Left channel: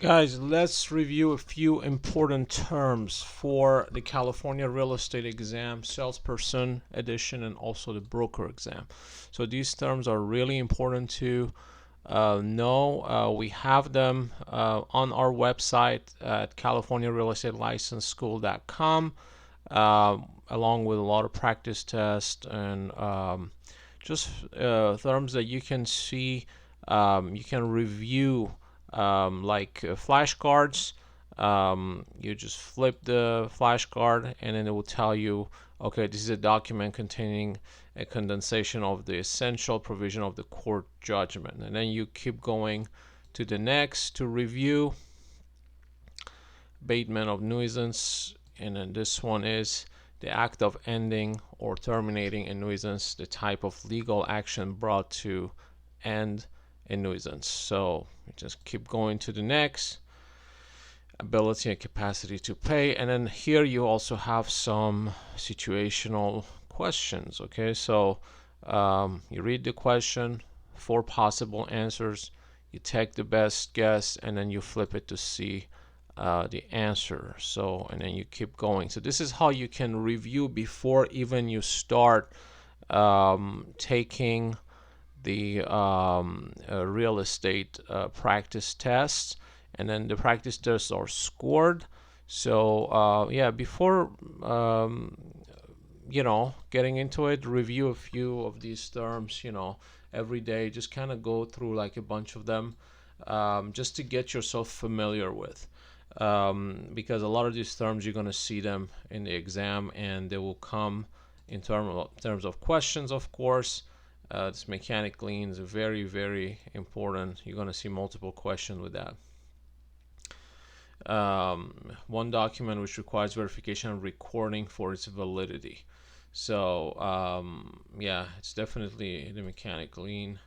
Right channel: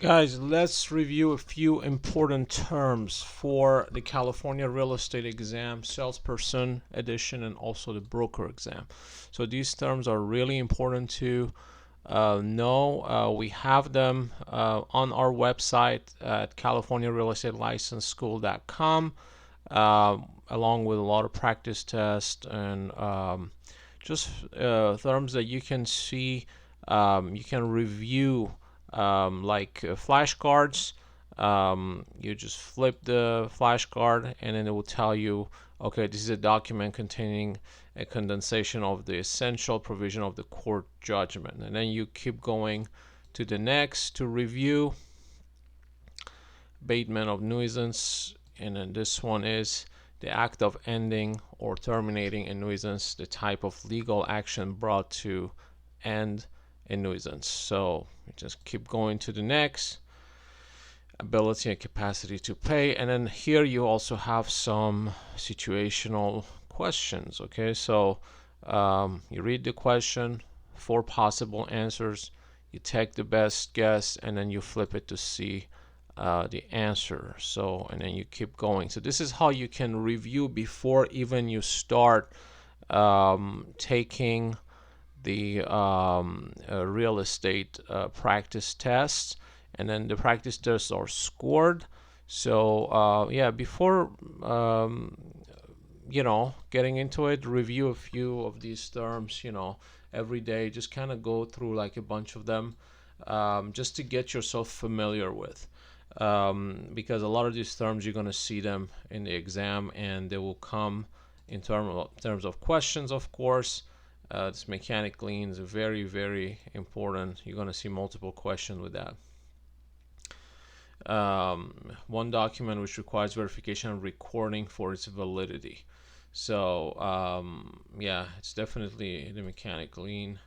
Guys, let's review a few important terms for the California real estate exam, salesperson edition, and also the broker exam. So these terms are really important to know. We have them on our website at californiarealestatelicensschool.com, along with a lot of practice tests and just terms that you can see. You can review like flashcards. You just flip the flashcard and then it will tell you, okay, this is a document containing a condensation of the essential provision of the court judgment. And then you keep going to the next to review abatement of nuisance. And then this one is the act of ending or terminating a nuisance, the type of legal action brought to end a nuisance. So we just keep going to the next, ability and capacity to pay. And then here you also have some situational questions. Okay, so you read the question, 4 possible answers, you take the best guess, and then you flip it to see the answer. So, and then you keep going. So this is how you can review before even you start taking the real estate practice tests. And then the practice tests are scored. So yeah, before getting into it, review a few of these terms, every day. Just kind of go through like a bunch of them, just to get yourself familiar with. Because a lot of these terms you're going to see them in the exam, and they will come in terms of questions, of course. This mechanic lien is very, very important. You're going to see multiple questions with that. One document which requires verification and recording for its validity. So yeah, it's definitely the mechanic lien.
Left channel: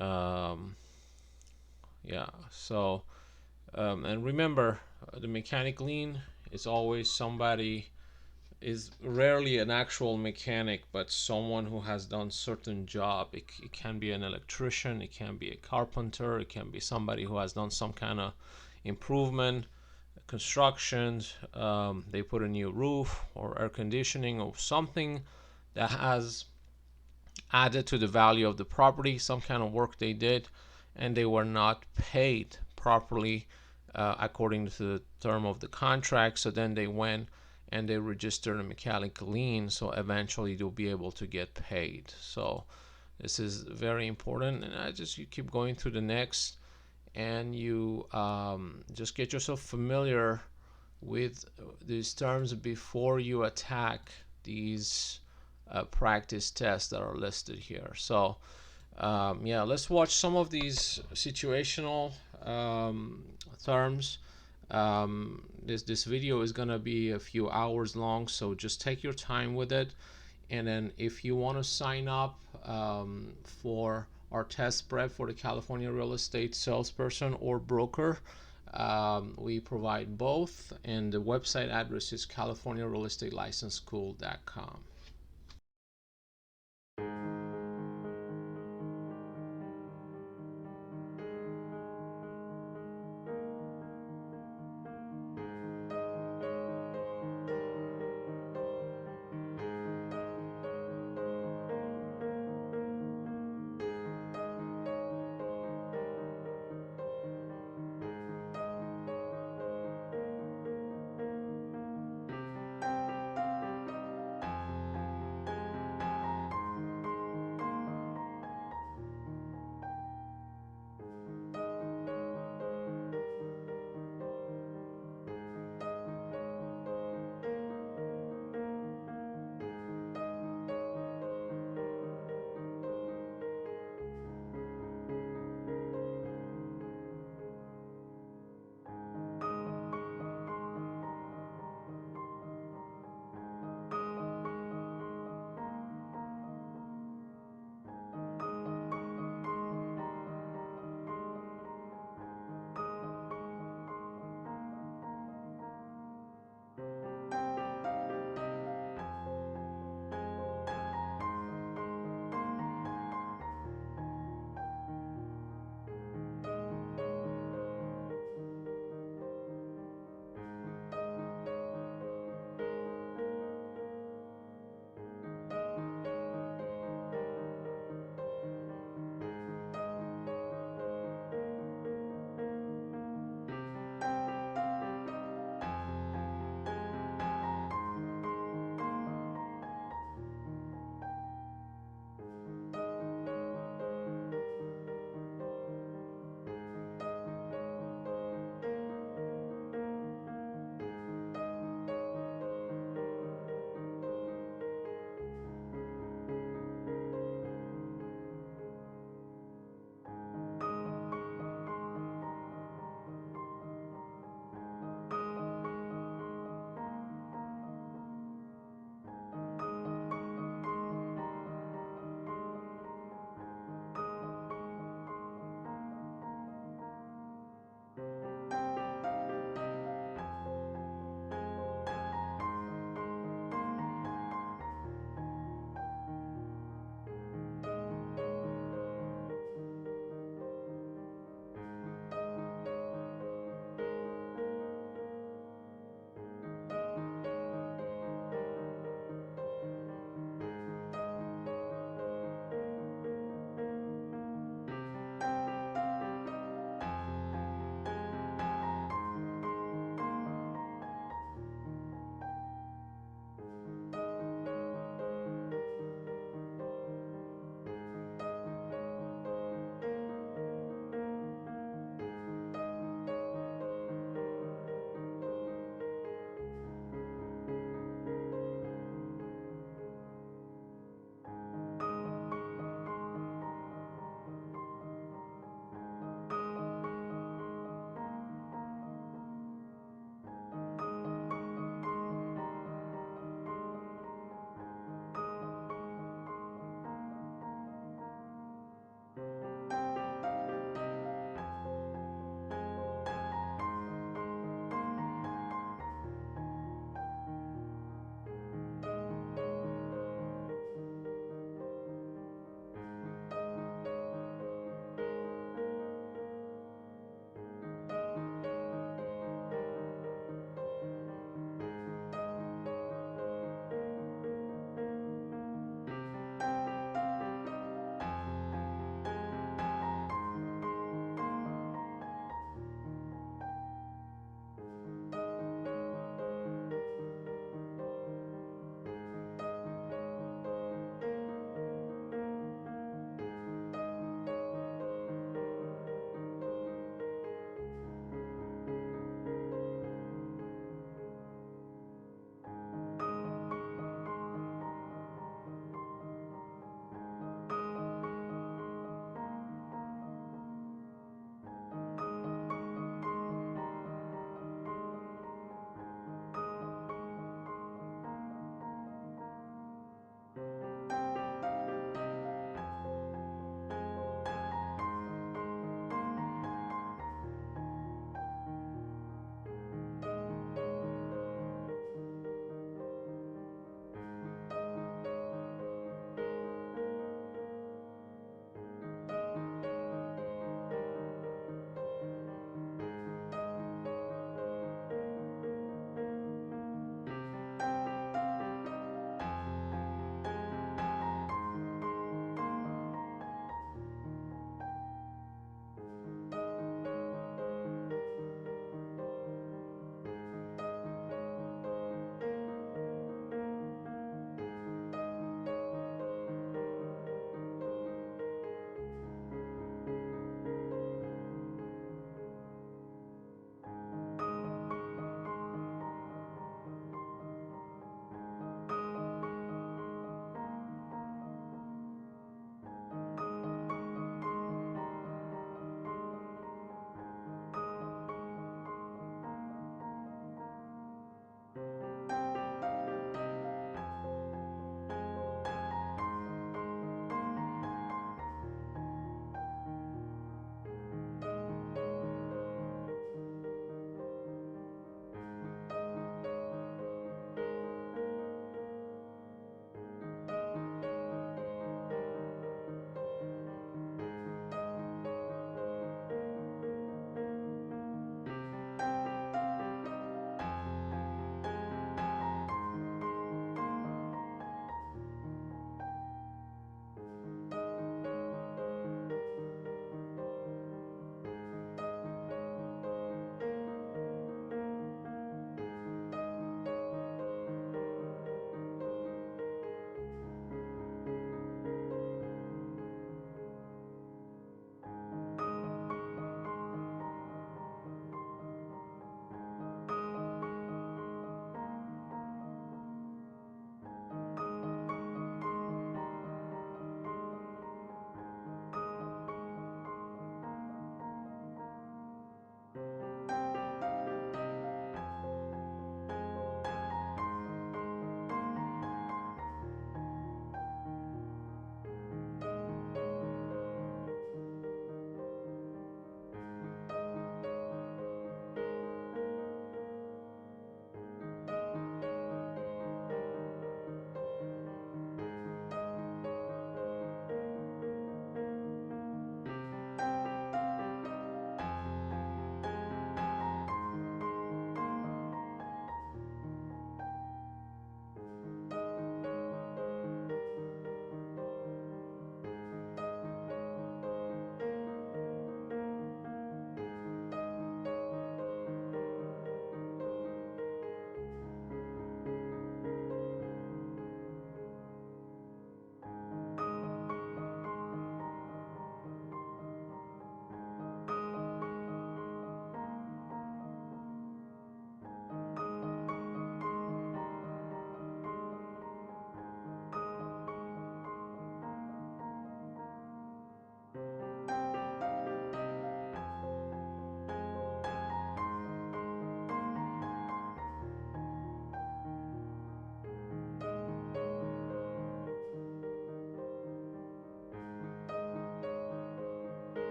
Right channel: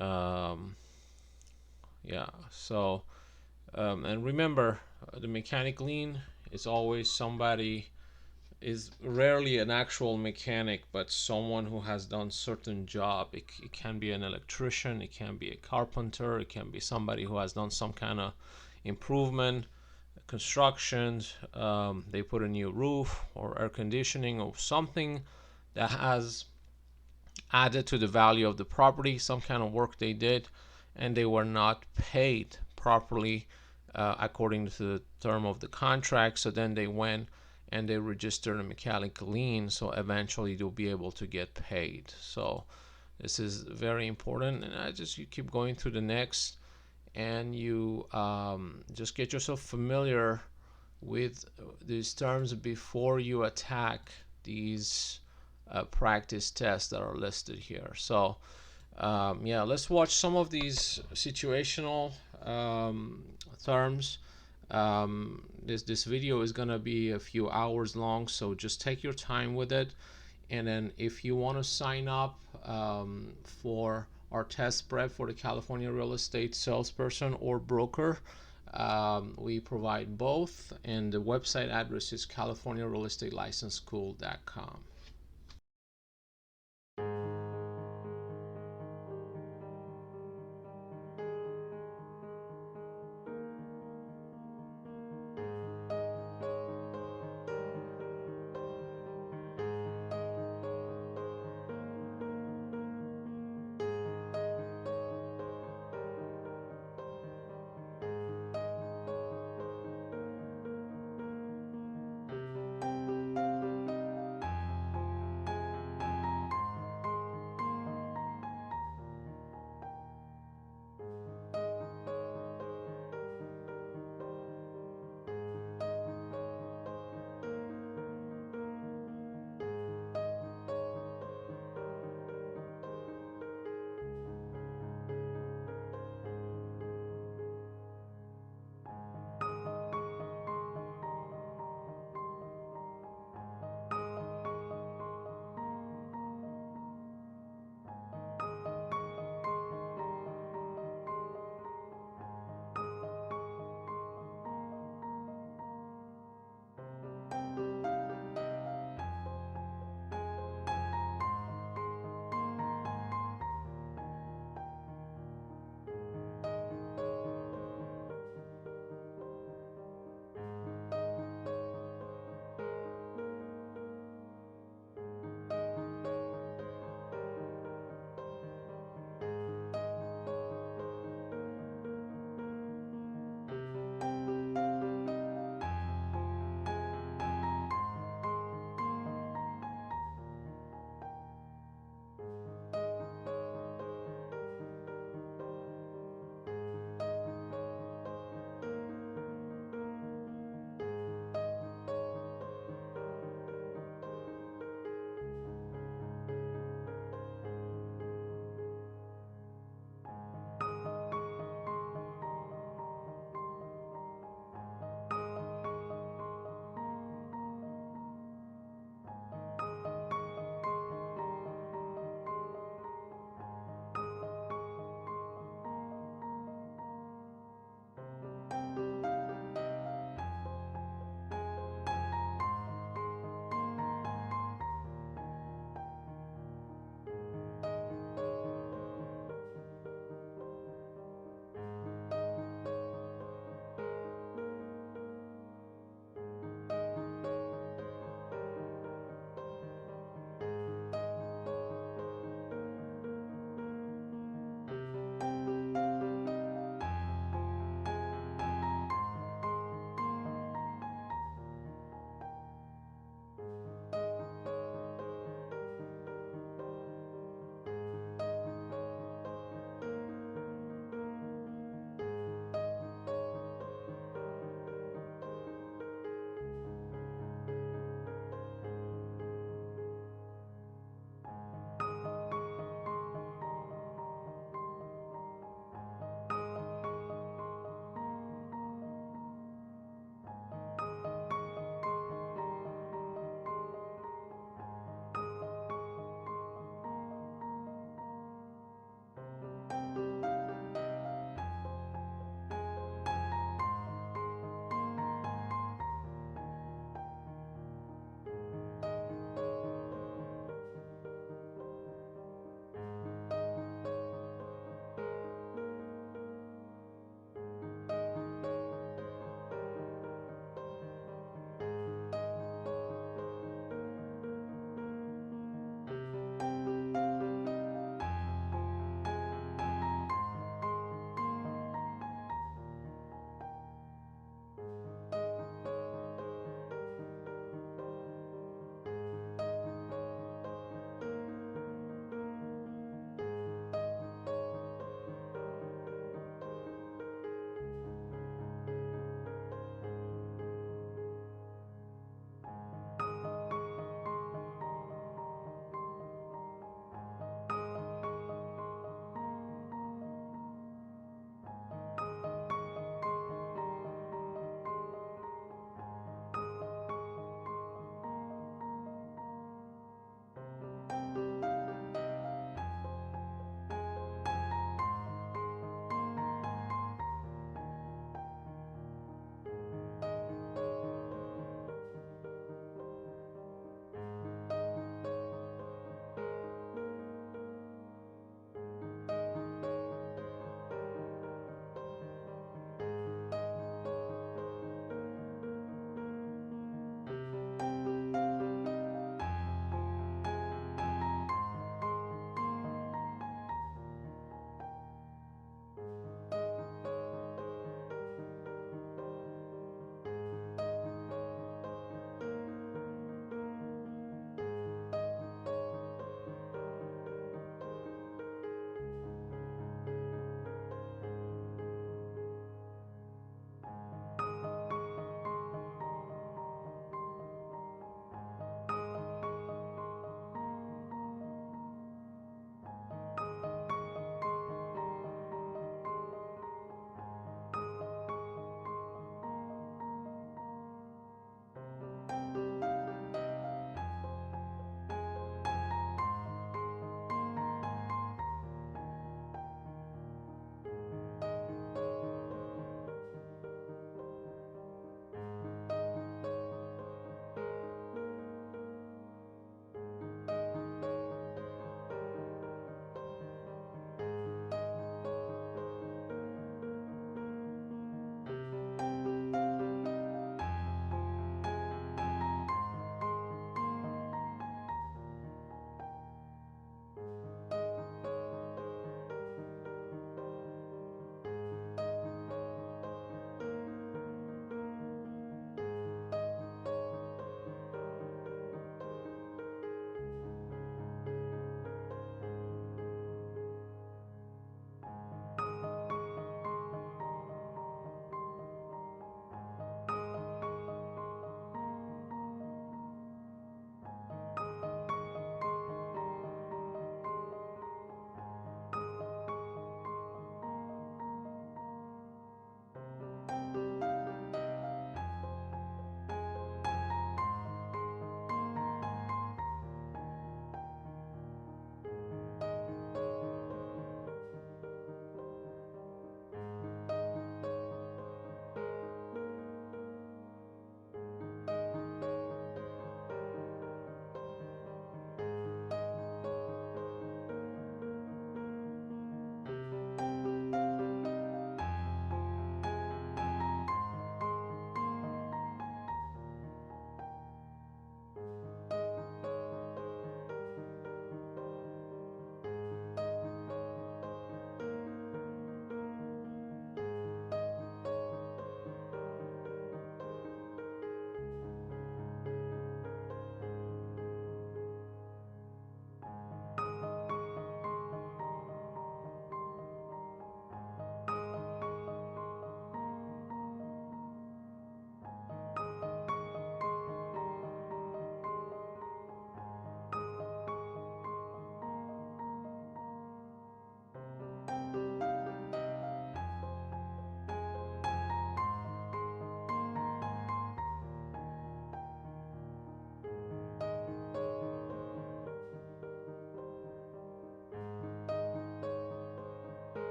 Yeah, so and remember, the mechanic lien is always somebody, is rarely an actual mechanic, but someone who has done certain job. It can be an electrician, it can be a carpenter, it can be somebody who has done some kind of improvement, constructions. They put a new roof or air conditioning or something that has added to the value of the property, some kind of work they did, and they were not paid properly according to the term of the contract. So then they went and they registered a mechanic lien, so eventually they'll be able to get paid. So this is very important, and you keep going to the next, and you just get yourself familiar with these terms before you attack these practice tests that are listed here. So yeah, let's watch some of these situational terms. This video is gonna be a few hours long, so just take your time with it. And then if you want to sign up for our test prep for the California real estate salesperson or broker, we provide both, and the website address is californiarealestatelicensschool.com.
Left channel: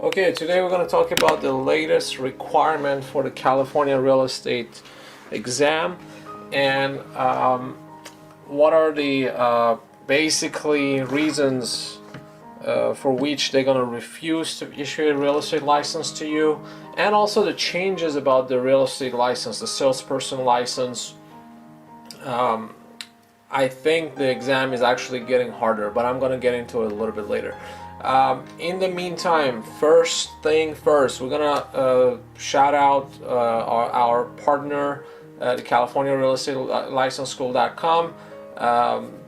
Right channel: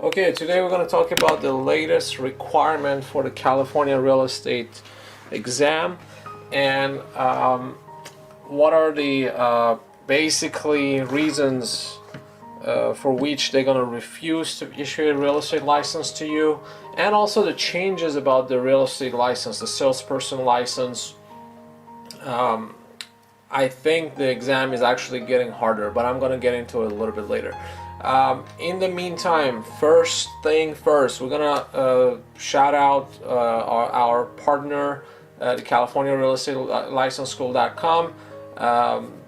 Okay, today we're going to talk about the latest requirement for the California real estate exam, and what are the basically reasons for which they're going to refuse to issue a real estate license to you, and also the changes about the real estate license, the salesperson license. I think the exam is actually getting harder, but I'm going to get into it a little bit later. In the meantime, first thing first, we're going to shout out our partner, the California Real Estate License School.com.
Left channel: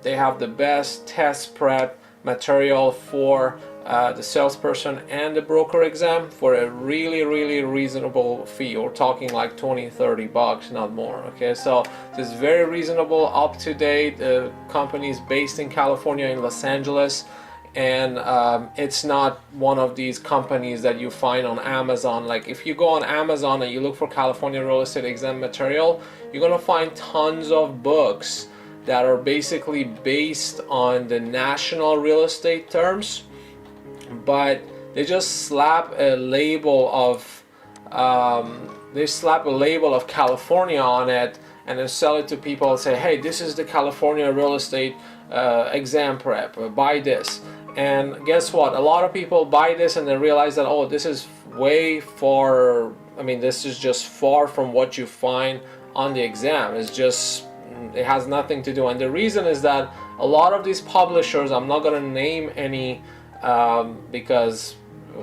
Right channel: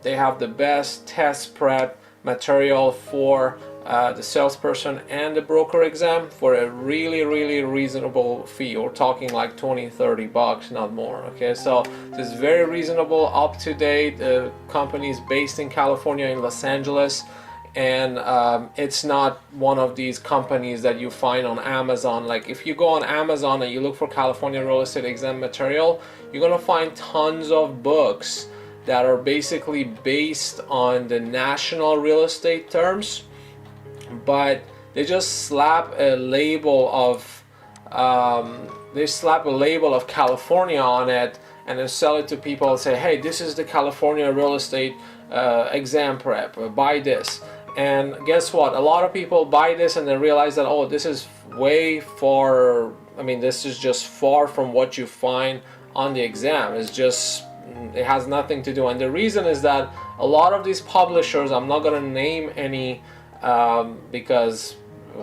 They have the best test prep material for the salesperson and the broker exam for a really reasonable fee. We're talking like 20-30 bucks, not more. Okay, so this is very reasonable, up to date. The company is based in California, in Los Angeles, and it's not one of these companies that you find on Amazon. Like if you go on Amazon and you look for California real estate exam material, you're gonna find tons of books that are basically based on the national real estate terms, but they just slap a label of California on it, and then sell it to people and say, hey, this is the California real estate exam prep, buy this. And guess what, a lot of people buy this and then realize that, oh, this is way far, I mean, this is just far from what you find on the exam. It has nothing to do. And the reason is that a lot of these publishers, I'm not going to name any because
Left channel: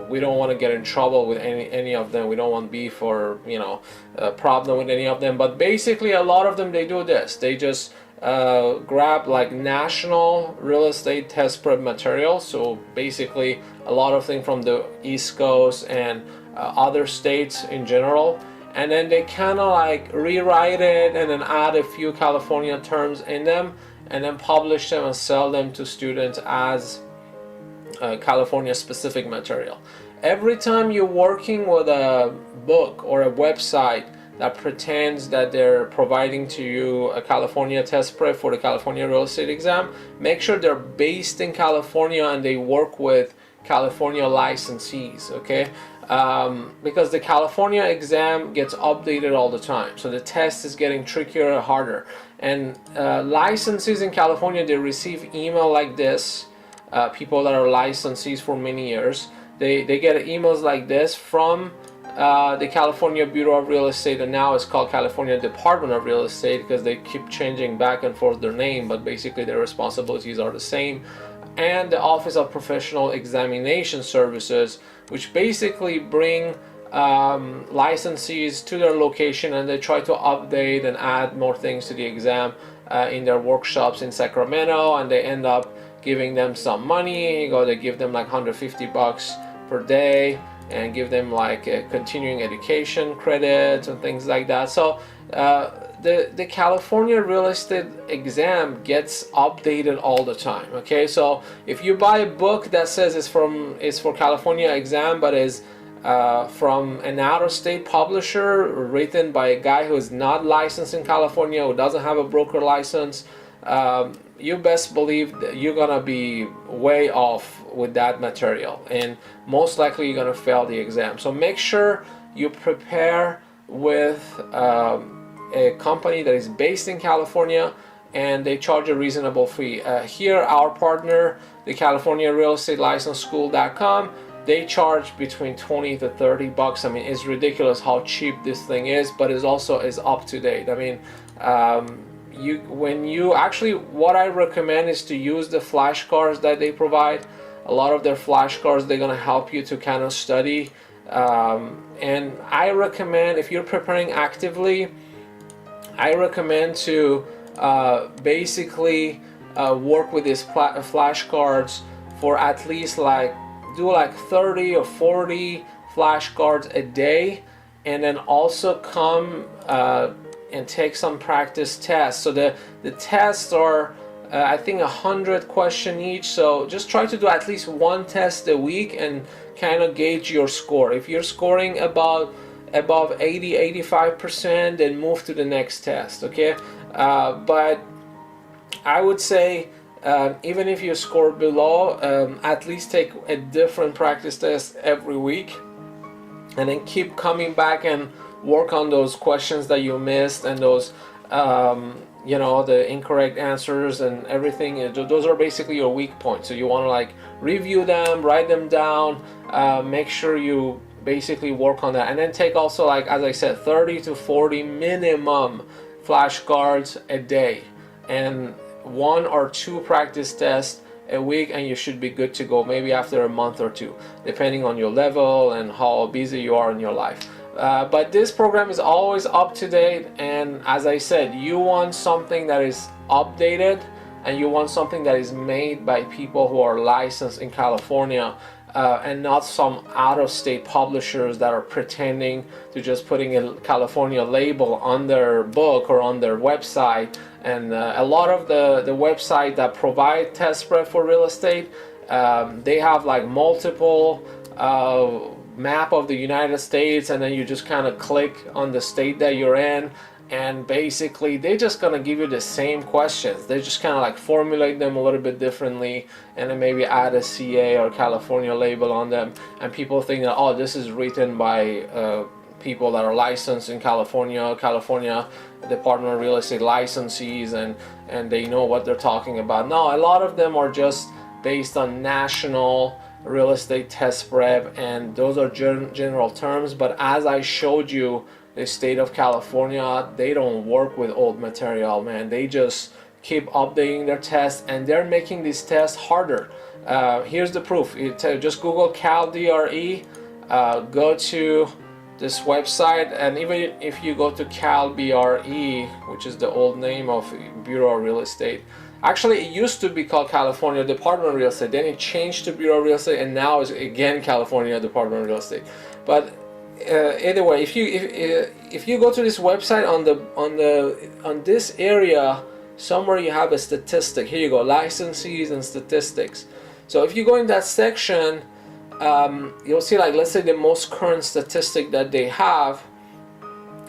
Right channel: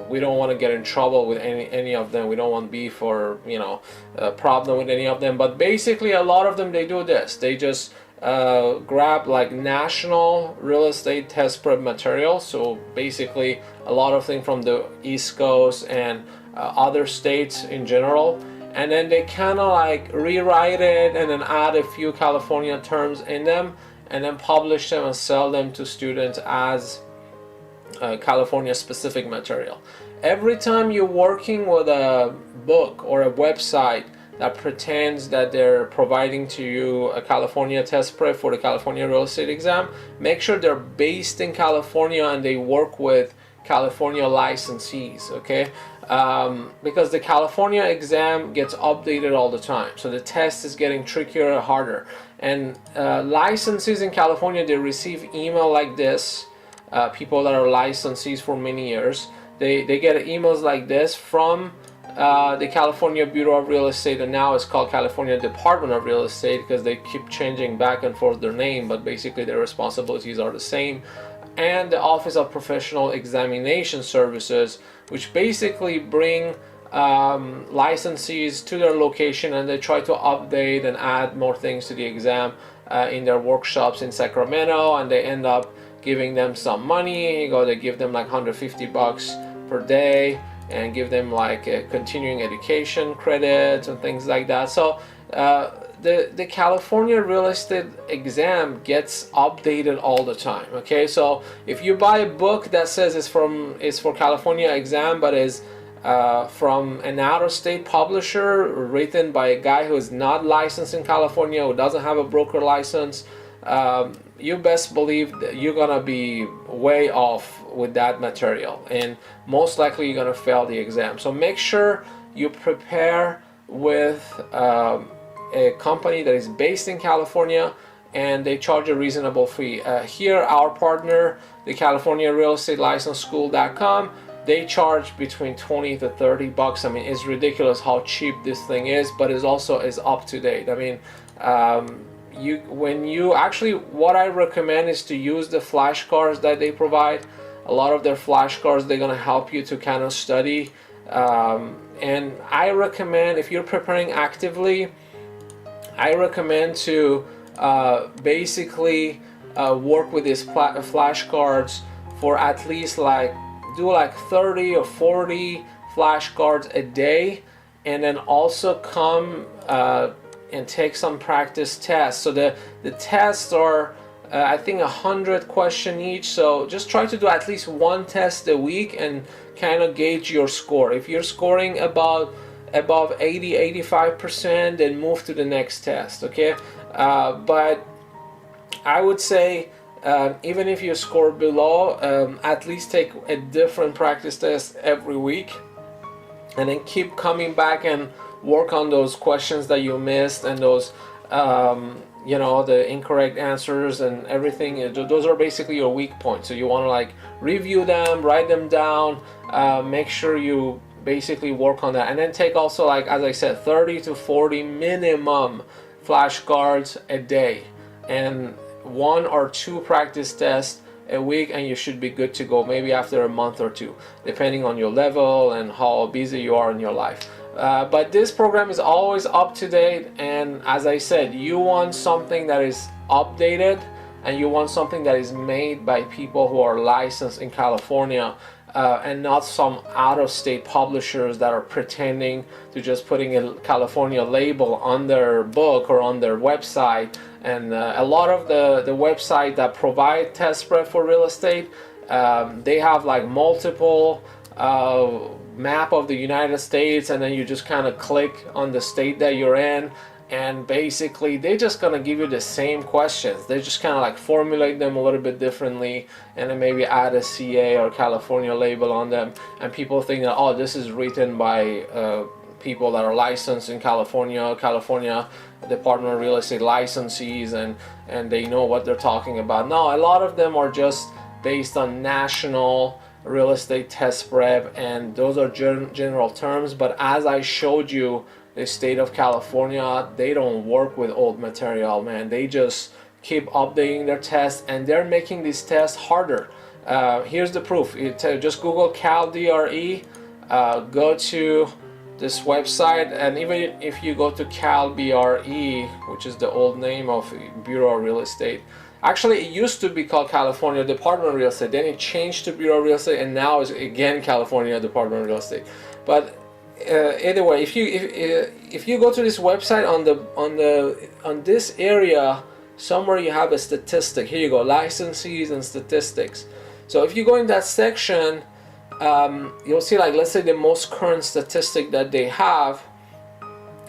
we don't want to get in trouble with any of them. We don't want beef or problem with any of them. But basically, a lot of them, they do this. They just grab like national real estate test prep material. So basically, a lot of things from the East Coast and other states in general. And then they kind of like rewrite it and then add a few California terms in them, and then publish them and sell them to students as California specific material. Every time you're working with a book or a website that pretends that they're providing to you a California test prep for the California real estate exam, make sure they're based in California and they work with California licensees, okay? Because the California exam gets updated all the time, so the test is getting trickier and harder. And licensees in California, they receive email like this. People that are licensees for many years, they get emails like this from the California Bureau of Real Estate, and now it's called California Department of Real Estate because they keep changing back and forth their name, but basically their responsibilities are the same. And the Office of Professional Examination Services, which basically bring licensees to their location, and they try to update and add more things to the exam in their workshops in Sacramento, and they end up giving them some money. They give them like 150 bucks per day and give them like a continuing education credits and things like that. So the California real estate exam gets updated all the time. Okay, so if you buy a book that says it's for California exam, but is from an out-of-state publisher written by a guy who is not licensed in California, who doesn't have a broker license, you best believe that you're gonna be way off with that material, and most likely you're gonna fail the exam. So make sure you prepare with a company that is based in California and they charge a reasonable fee. Here, our partner, the California Real Estate License School.com, they charge between 20 to 30 bucks. I mean, it's ridiculous how cheap this thing is, but it also is up to date. I mean, what I recommend is to use the flashcards that they provide. A lot of their flashcards, they're gonna help you to kind of study. And I recommend, if you're preparing actively, I recommend to basically work with these flashcards for at least do 30 or 40 flashcards a day, and then also come and take some practice tests. So the tests are I think 100 questions each, so just try to do at least one test a week and kind of gauge your score. If you're scoring above 80-85%, then move to the next test, okay? But I would say Even if you score below, at least take a different practice test every week, and then keep coming back and work on those questions that you missed, and those the incorrect answers and everything. Those are basically your weak points, so you want to like review them, write them down, make sure you basically work on that, and then take also, like as I said, 30 to 40 minimum flashcards a day, and 1 or 2 practice tests a week, and you should be good to go, maybe after a month or 2, depending on your level and how busy you are in your life. But this program is always up to date, and as I said, you want something that is updated, and you want something that is made by people who are licensed in California, and not some out-of-state publishers that are pretending to just putting a California label on their book or on their website. And a lot of the website that provide test prep for real estate, they have like multiple map of the United States, and then you just kind of click on the state that you're in, and basically they're just gonna give you the same questions. They just kind of like formulate them a little bit differently, and then maybe add a CA or California label on them, and people think that, oh, this is written by people that are licensed in California Department of Real Estate licensees, and they know what they're talking about. No, a lot of them are just based on national real estate test prep, and those are general terms. But as I showed you, the state of California, they don't work with old material, man. They just keep updating their tests, and they're making these tests harder. Here's the proof. Just Google CalDRE, go to this website, and even if you go to CalBRE, which is the old name of Bureau of Real Estate, actually it used to be called California Department of Real Estate, then it changed to Bureau of Real Estate, and now it's again California Department of Real Estate. But either way, if you go to this website, on this area somewhere you have a statistic. Here you go, licensees and statistics. So if you go in that section, you'll see, like, let's say the most current statistic that they have.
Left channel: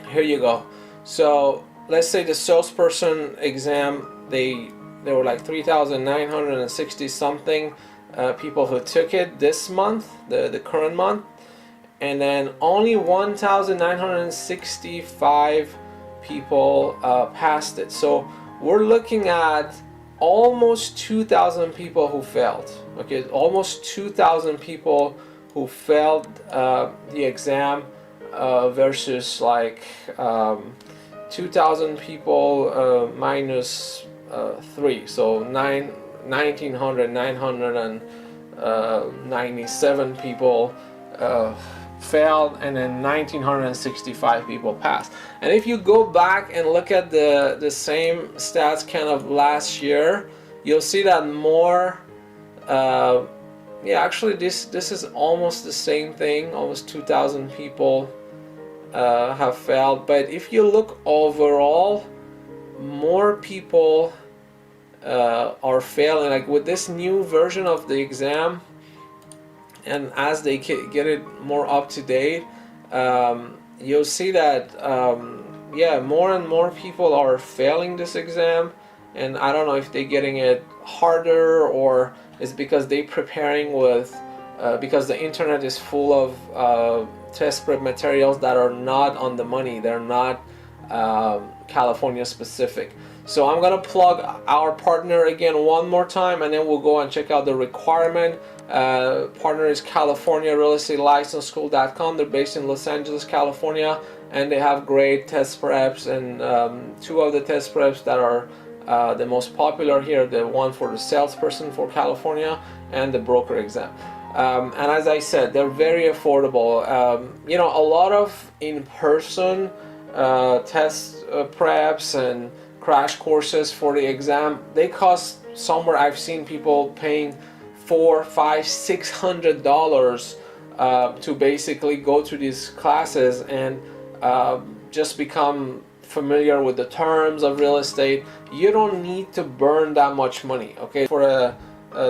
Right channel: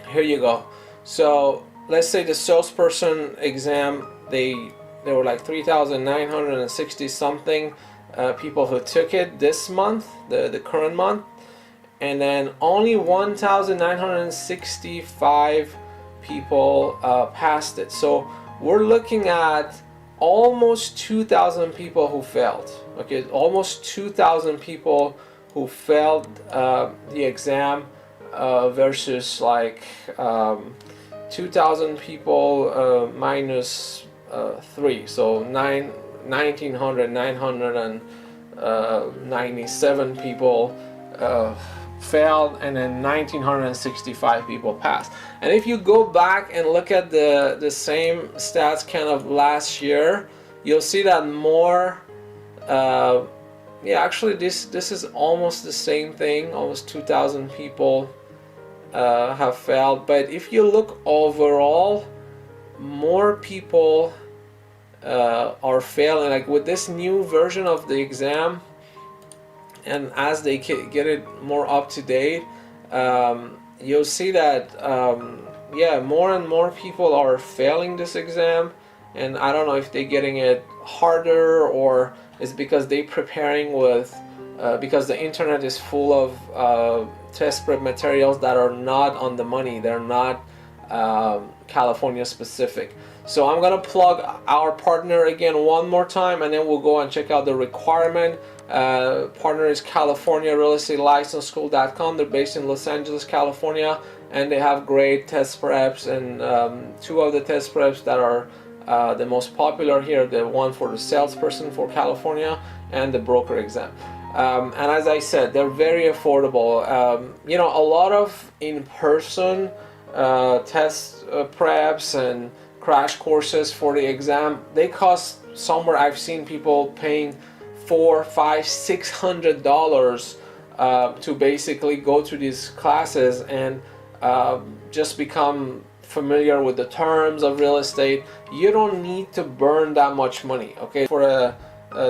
Here you go. So let's say the salesperson exam, there were like 3,960 something people who took it this month, the current month, and then only 1,965 people passed it. So we're looking at almost 2,000 people who failed. Okay, almost 2,000 people who failed the exam versus like 2,000 people minus 3, so 997 people failed, and then 1,965 people passed. And if you go back and look at the same stats kind of last year, you'll see that more. Actually, this is almost the same thing. Almost 2,000 people have failed. But if you look overall, more people are failing. Like with this new version of the exam, and as they get it more up to date, you'll see that more and more people are failing this exam. And I don't know if they're getting it harder, or it's because they're preparing with because the internet is full of test prep materials that are not on the money. They're not California specific. So I'm gonna plug our partner again one more time, and then we'll go and check out the requirement. Partner is California Real Estate License School.com. They're based in Los Angeles, California, and they have great test preps, and 2 of the test preps that are the most popular here, the one for the salesperson for California and the broker exam. And as I said, they're very affordable. A lot of in-person test preps and crash courses for the exam, they cost somewhere, I've seen people paying $400, $500, $600 to basically go to these classes and just become familiar with the terms of real estate. You don't need to burn that much money, okay, for a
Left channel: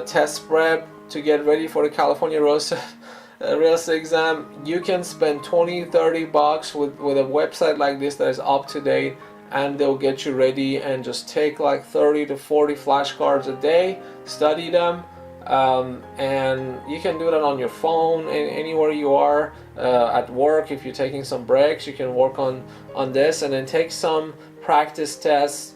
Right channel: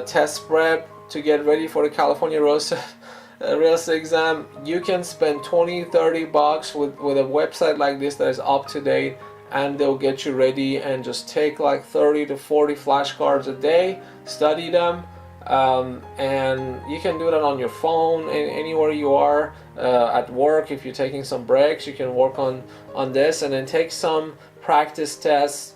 test prep to get ready for the California real estate exam. You can spend $20-$30 with a website like this that is up to date, and they'll get you ready. And just take like 30 to 40 flashcards a day, study them. And you can do that on your phone anywhere you are, at work. If you're taking some breaks, you can work on this, and then take some practice tests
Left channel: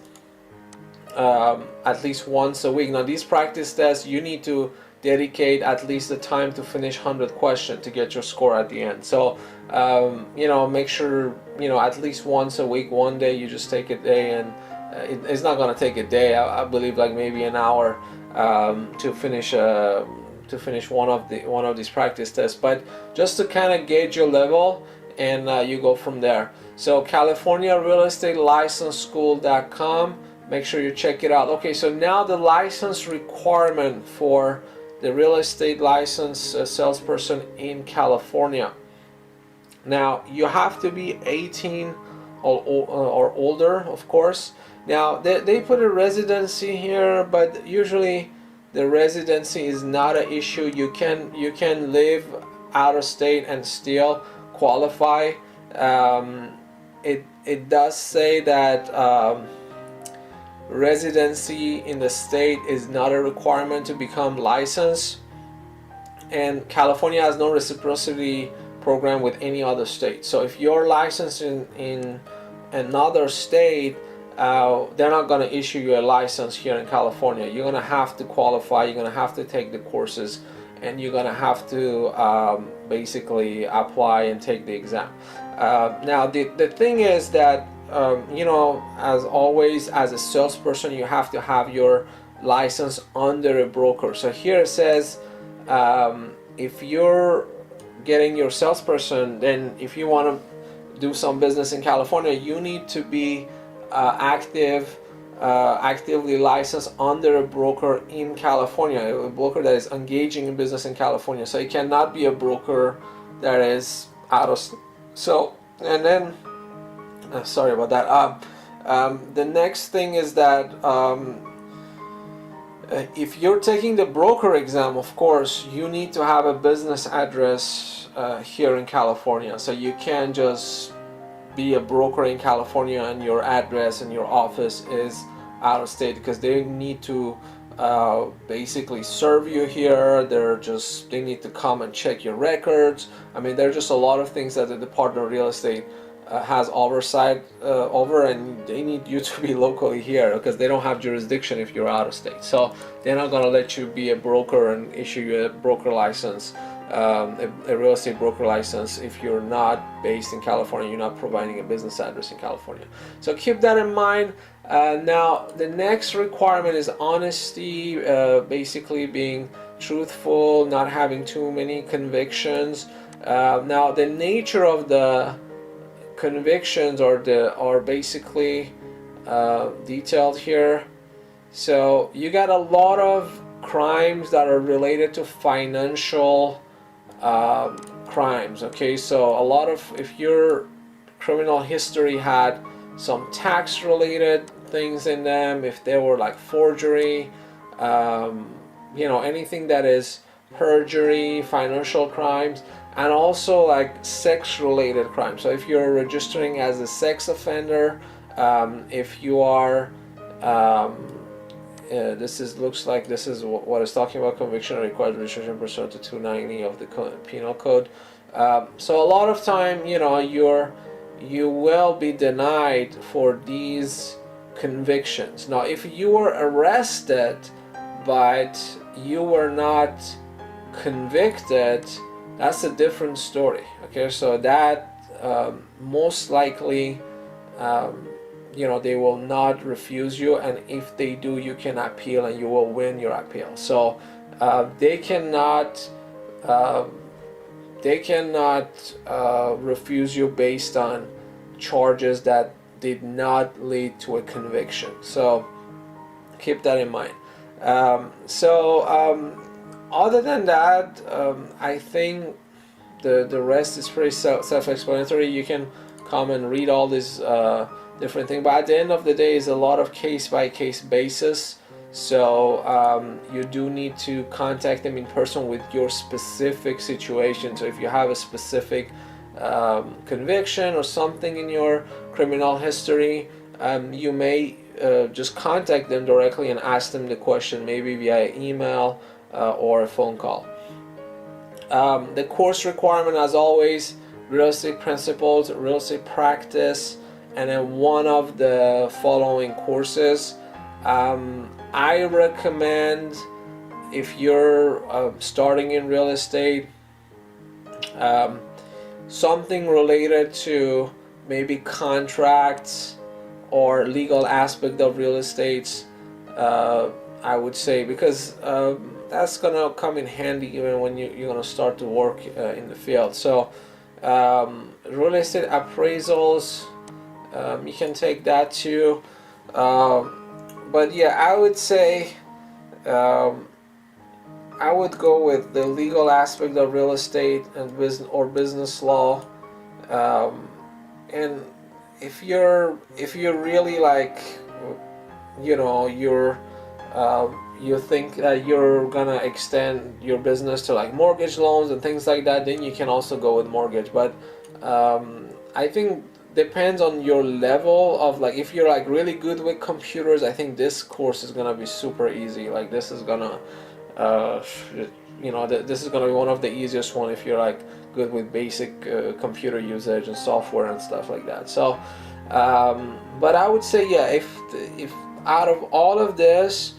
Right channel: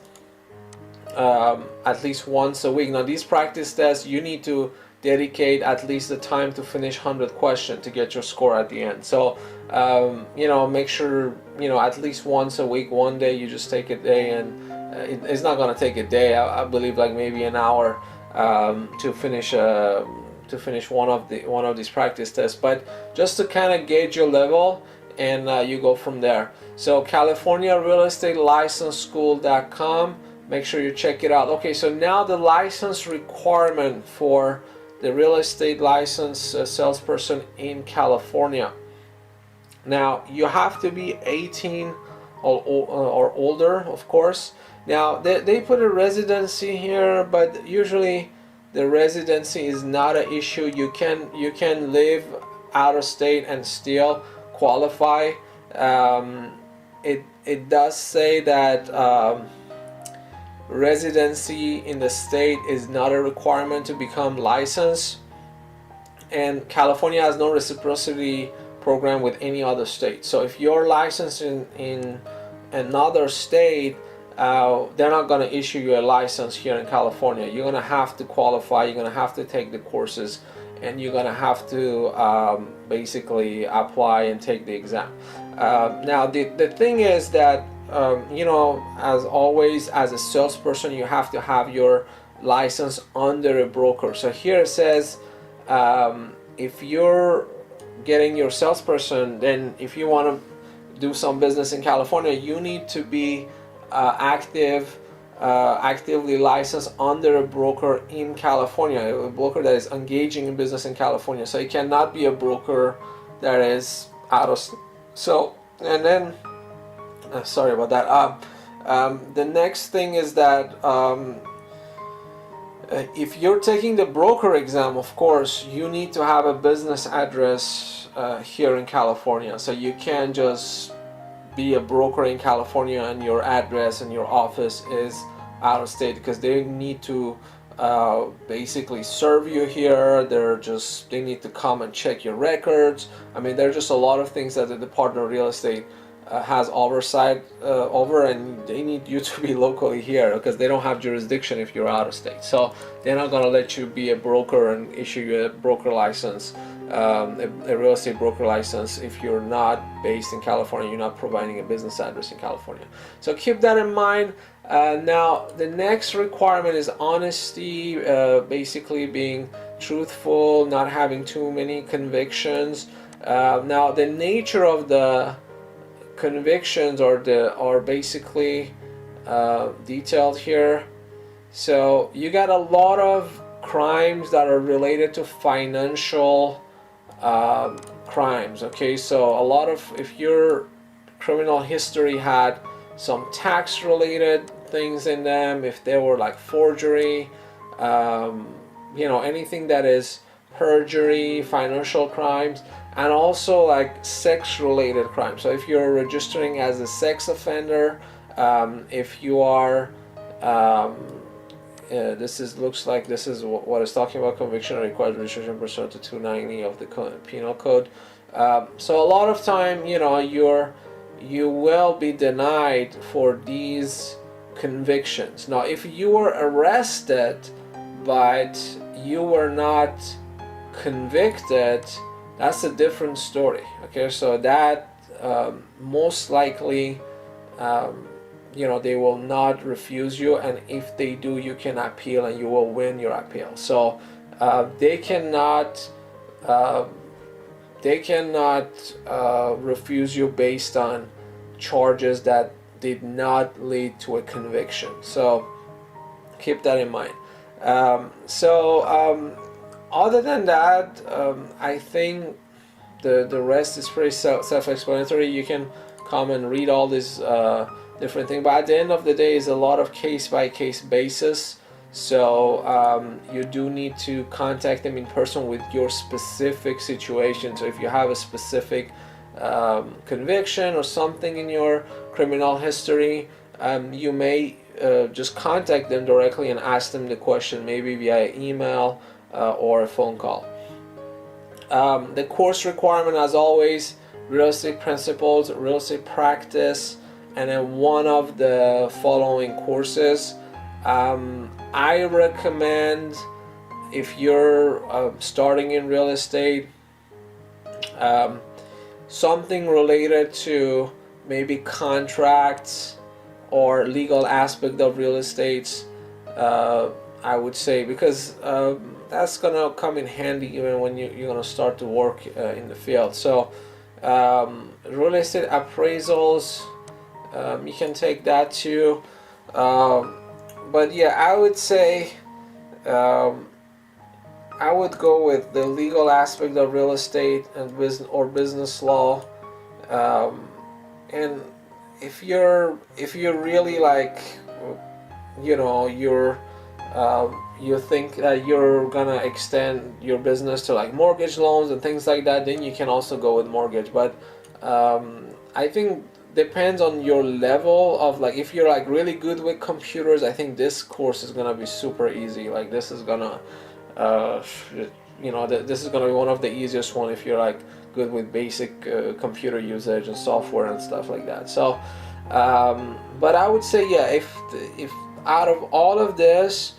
at least once a week. Now these practice tests, you need to dedicate at least the time to finish 100 questions to get your score at the end. So make sure at least once a week, one day, you just take a day, and it's not going to take a day. I believe like maybe an hour to finish one of these practice tests, but just to kind of gauge your level, and you go from there. So CaliforniaRealEstateLicenseSchool.com. Make sure you check it out. Okay, so now the license requirement for the real estate license salesperson in California. Now you have to be 18 or older, of course. Now they put a residency here, but usually the residency is not an issue. You can live out of state and still qualify. It does say that residency in the state is not a requirement to become licensed, and California has no reciprocity program with any other state. So if you're licensed in another state, they're not going to issue you a license here in California. You're going to have to qualify, you're going to have to take the courses, and you're going to have to basically apply and take the exam. Now the thing is that as always, as a salesperson, you have to have your license under a broker. So here it says if you're getting your salesperson, then if you want to do some business in California, you need to be actively licensed under a broker in California, a broker that is engaging in business in California. So it cannot be a broker that is out of. So, and then sorry about that. The next thing is that if you're taking the broker exam, of course, you need to have a business address here in California. So you can't just be a broker in California and your address and your office is out of state, because they need to basically serve you here. They need to come and check your records. I mean, there are just a lot of things that the Department of Real Estate has oversight over, and they need you to be locally here because they don't have jurisdiction if you're out of state. So they're not going to let you be a broker and issue you a broker license, a real estate broker license, if you're not based in California, you're not providing a business address in California. So keep that in mind. Now the next requirement is honesty, basically being truthful, not having too many convictions. Now the nature of the convictions are basically detailed here. So you got a lot of crimes that are related to financial crimes. Okay, so a lot of, if your criminal history had some tax related things in them, if they were like forgery, anything that is perjury, financial crimes, and also like sex related crimes. So if you're registering as a sex offender, if you are looks like this is what it's talking about. Conviction required registration pursuant to 290 of the penal code. So a lot of time, you will be denied for these convictions. Now, if you were arrested but you were not convicted, that's a different story. Okay, so that most likely they will not refuse you, and if they do, you can appeal and you will win your appeal. So they cannot refuse you based on charges that did not lead to a conviction. So keep that in mind. Other than that, I think the rest is pretty self-explanatory. You can come and read all these different things, but at the end of the day, is a lot of case-by-case basis. So you do need to contact them in person with your specific situation. So if you have a specific conviction or something in your criminal history, you may just contact them directly and ask them the question, maybe via email or a phone call. The course requirement, as always, real estate principles, real estate practice, and then one of the following courses. I recommend, if you're starting in real estate, um, something related to maybe contracts or legal aspect of real estate. I would say, because that's gonna come in handy even when you're gonna start to work in the field. So real estate appraisals, you can take that too. But yeah, I would say um, I would go with the legal aspect of real estate and business law. Um, and if you're really like, you think that you're gonna extend your business to like mortgage loans and things like that, then you can also go with mortgage. But I think depends on your level of, like, if you're like really good with computers, I think this course is gonna be super easy. Like, this is gonna uh, this is gonna be one of the easiest one if you're like good with basic computer usage and software and stuff like that. So but I would say, yeah, if out of all of this,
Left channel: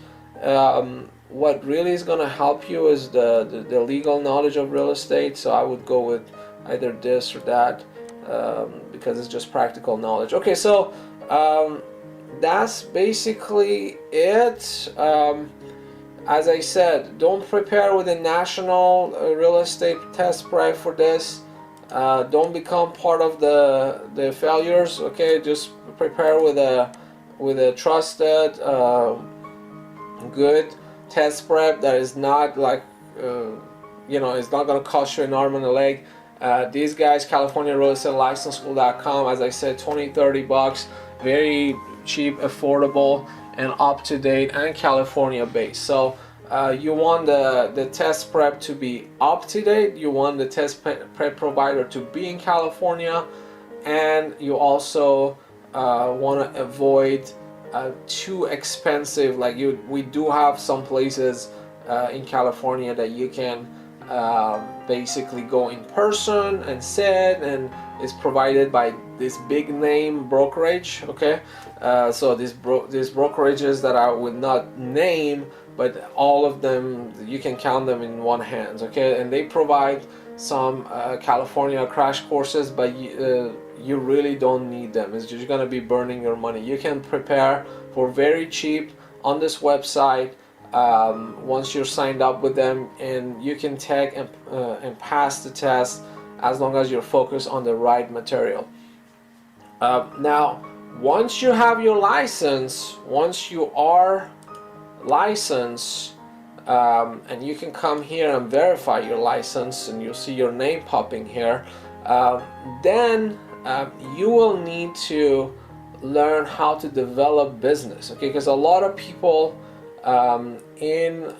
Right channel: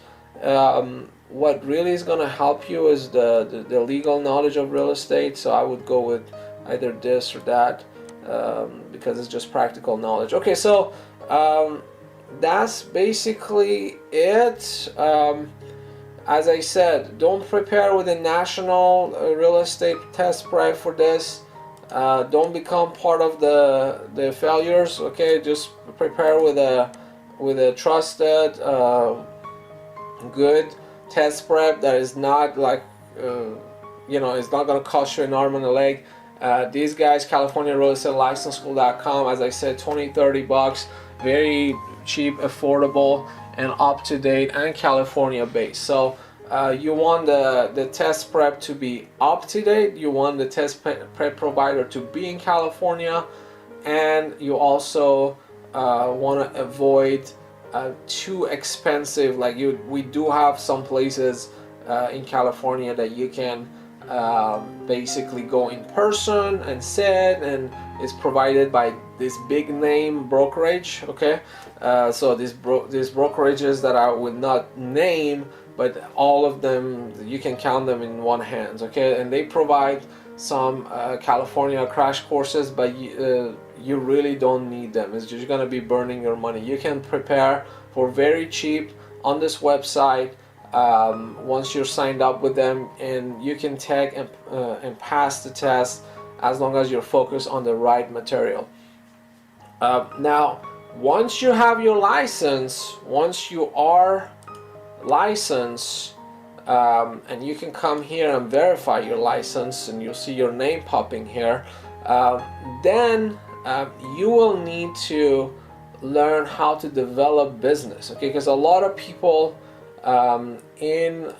what really is going to help you is the legal knowledge of real estate. So I would go with either this or that, because it's just practical knowledge. Okay, so that's basically it. As I said, don't prepare with a national real estate test prep for this. Don't become part of the failures. Okay, just prepare with a trusted, good test prep that is not like it's not gonna cost you an arm and a leg. These guys, California Real Estate License School.com, as I said, 20-30 bucks, very cheap, affordable, and up to date, and California based. So you want the test prep to be up to date, you want the test prep provider to be in California, and you also want to avoid too expensive. Like, we do have some places in California that you can basically go in person and sit, and it's provided by this big name brokerage. Okay, so these brokerages that I would not name, but all of them, you can count them in one hand. Okay, and they provide some California crash courses, but you really don't need them. It's just gonna be burning your money. You can prepare for very cheap on this website once you're signed up with them, and you can take and pass the test as long as you're focused on the right material. Now, once you have your license, once you are licensed, and you can come here and verify your license, and you'll see your name popping here, then you will need to learn how to develop business. Okay, because a lot of people in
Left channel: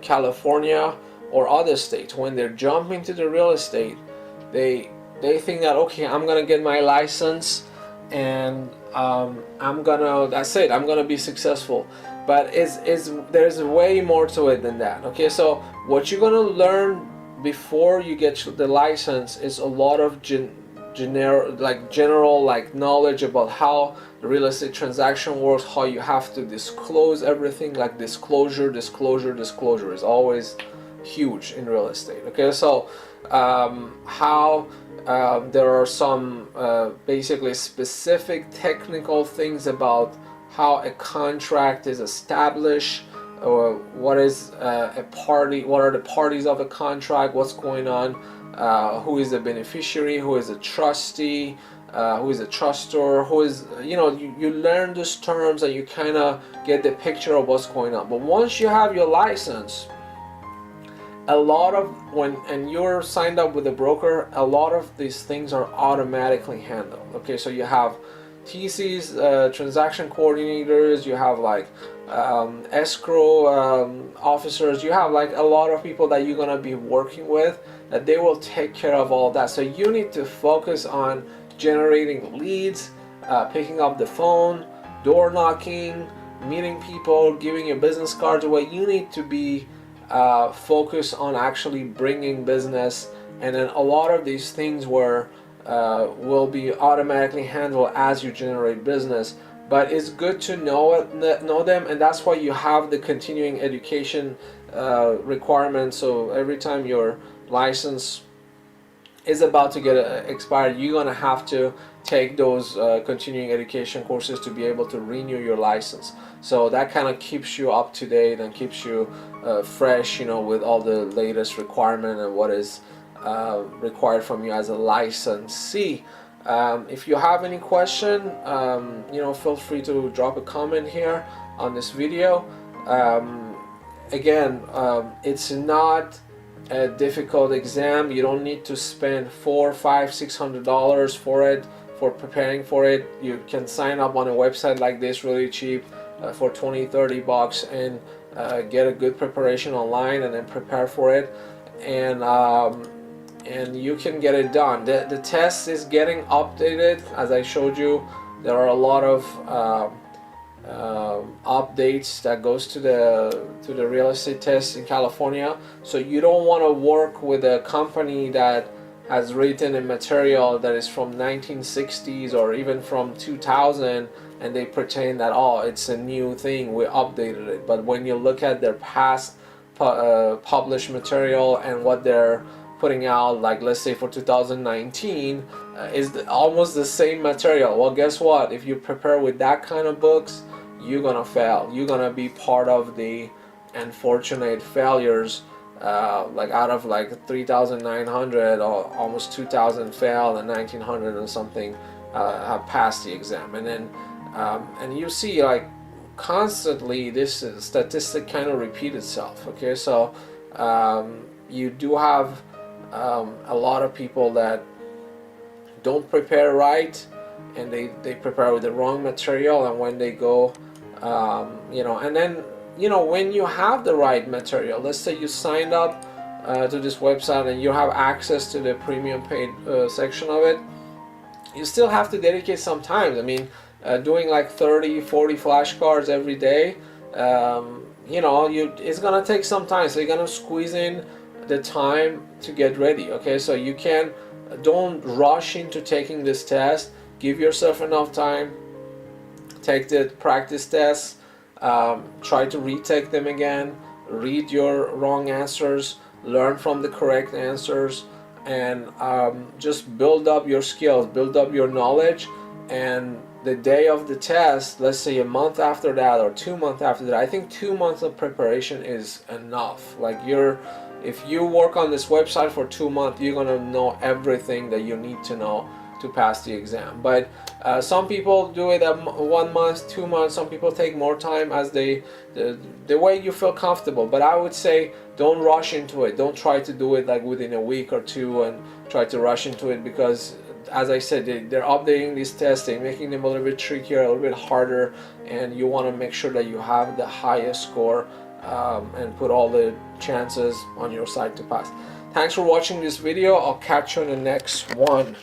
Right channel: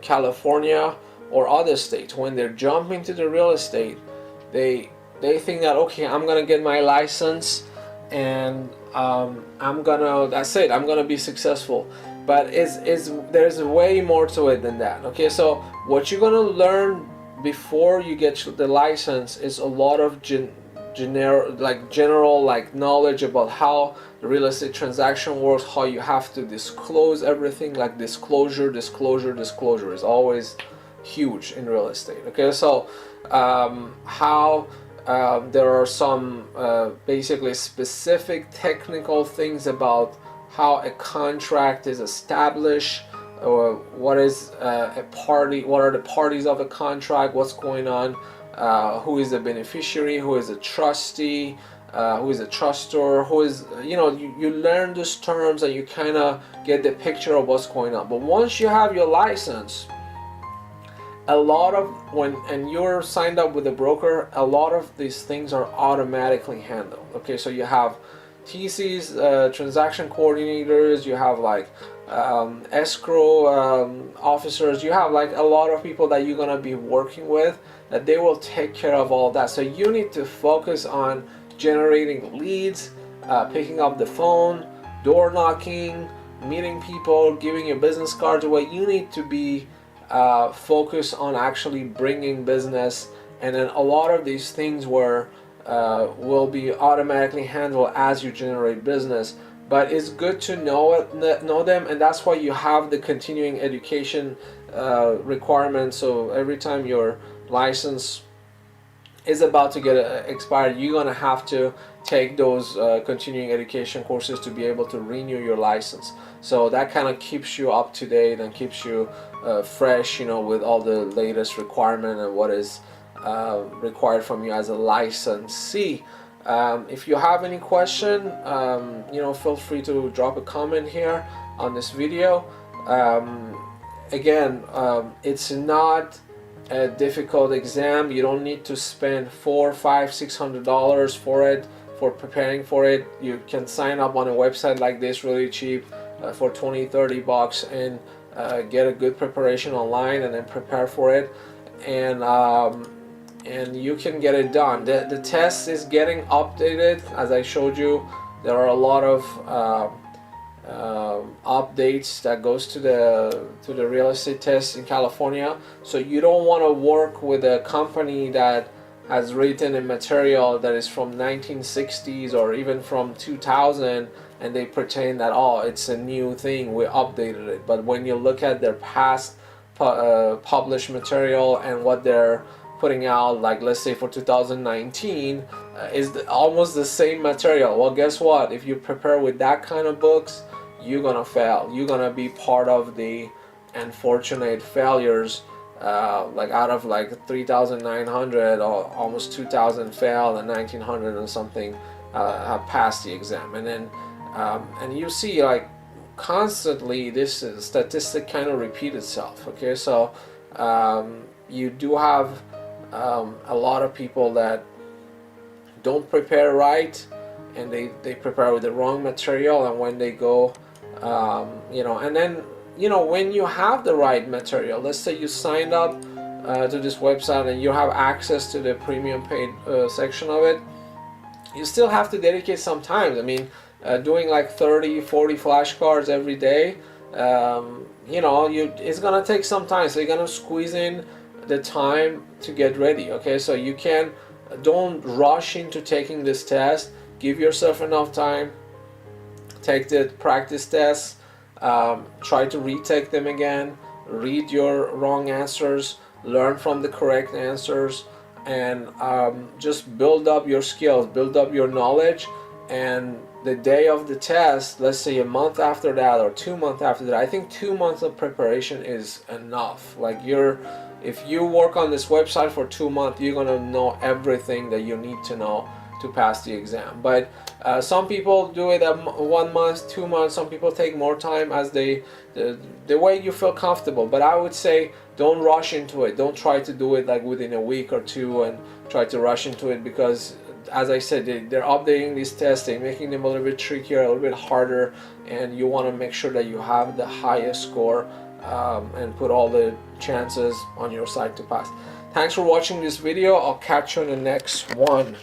California or other states, when they're jumping to the real estate, they think that, okay, I'm gonna get my license and that's it, I'm gonna be successful. But there's way more to it than that. Okay, so what you're gonna learn before you get the license is a lot of general like knowledge about how the real estate transaction works, how you have to disclose everything. Like, disclosure is always huge in real estate. Okay, so how there are some basically specific technical things about how a contract is established, or what is a party, what are the parties of a contract, what's going on, who is the beneficiary, who is a trustee, who is a trustor, who is, you learn those terms and you kind of get the picture of what's going on. But once you have your license, a lot of and you're signed up with a broker, a lot of these things are automatically handled. Okay, so you have TCs, transaction coordinators, you have like escrow officers, you have like a lot of people that you're gonna be working with, that they will take care of all that. So you need to focus on generating leads, picking up the phone, door knocking, meeting people, giving your business cards away. You need to be focused on actually bringing business, and then a lot of these things will be automatically handled as you generate business. But it's good to know them, and that's why you have the continuing education requirement. So every time your license is about to get expired, you're gonna have to take those continuing education courses to be able to renew your license. So that kind of keeps you up to date and keeps you fresh, with all the latest requirement and what is required from you as a licensee. If you have any question, feel free to drop a comment here on this video. Again, it's not a difficult exam. You don't need to spend $400, $500, $600 for preparing for it. You can sign up on a website like this really cheap for 20, $30 and get a good preparation online and then prepare for it, and you can get it done. The test is getting updated. As I showed you, there are a lot of updates that goes to the real estate test in California. So you don't want to work with a company that has written a material that is from 1960s or even from 2000, and they pretend that, oh, it's a new thing, we updated it. But when you look at their past published material and what they're putting out, like let's say for 2019, is almost the same material. Well, guess what? If you prepare with that kind of books, you're gonna fail. You're gonna be part of the unfortunate failures. Like out of like 3,900 or almost 2,000 failed, and 1,900 and something have passed the exam. And then and you see, like, constantly this statistic kind of repeat itself. Okay, so you do have a lot of people that don't prepare right, and they prepare with the wrong material, and when they go and then when you have the right material, let's say you signed up to this website and you have access to the premium paid section of it, you still have to dedicate some time. I mean, doing like 30-40 flashcards every day, it's gonna take some time, so you're gonna squeeze in the time to get ready. Okay, so don't rush into taking this test. Give yourself enough time. Take the practice tests, try to retake them again, read your wrong answers, learn from the correct answers, and just build up your skills, build up your knowledge. And the day of the test, let's say a month after that or 2 months after that, I think 2 months of preparation is enough. Like, if you work on this website for 2 months, you're gonna know everything that you need to know to pass the exam. But some people do it at 1 month, 2 months. Some people take more time as the way you feel comfortable. But I would say don't rush into it. Don't try to do it like within a week or two and try to rush into it, because as I said, they're updating these tests, they're making them a little bit trickier, a little bit harder, and you want to make sure that you have the highest score and put all the chances on your side to pass. Thanks for watching this video. I'll catch you in the next one.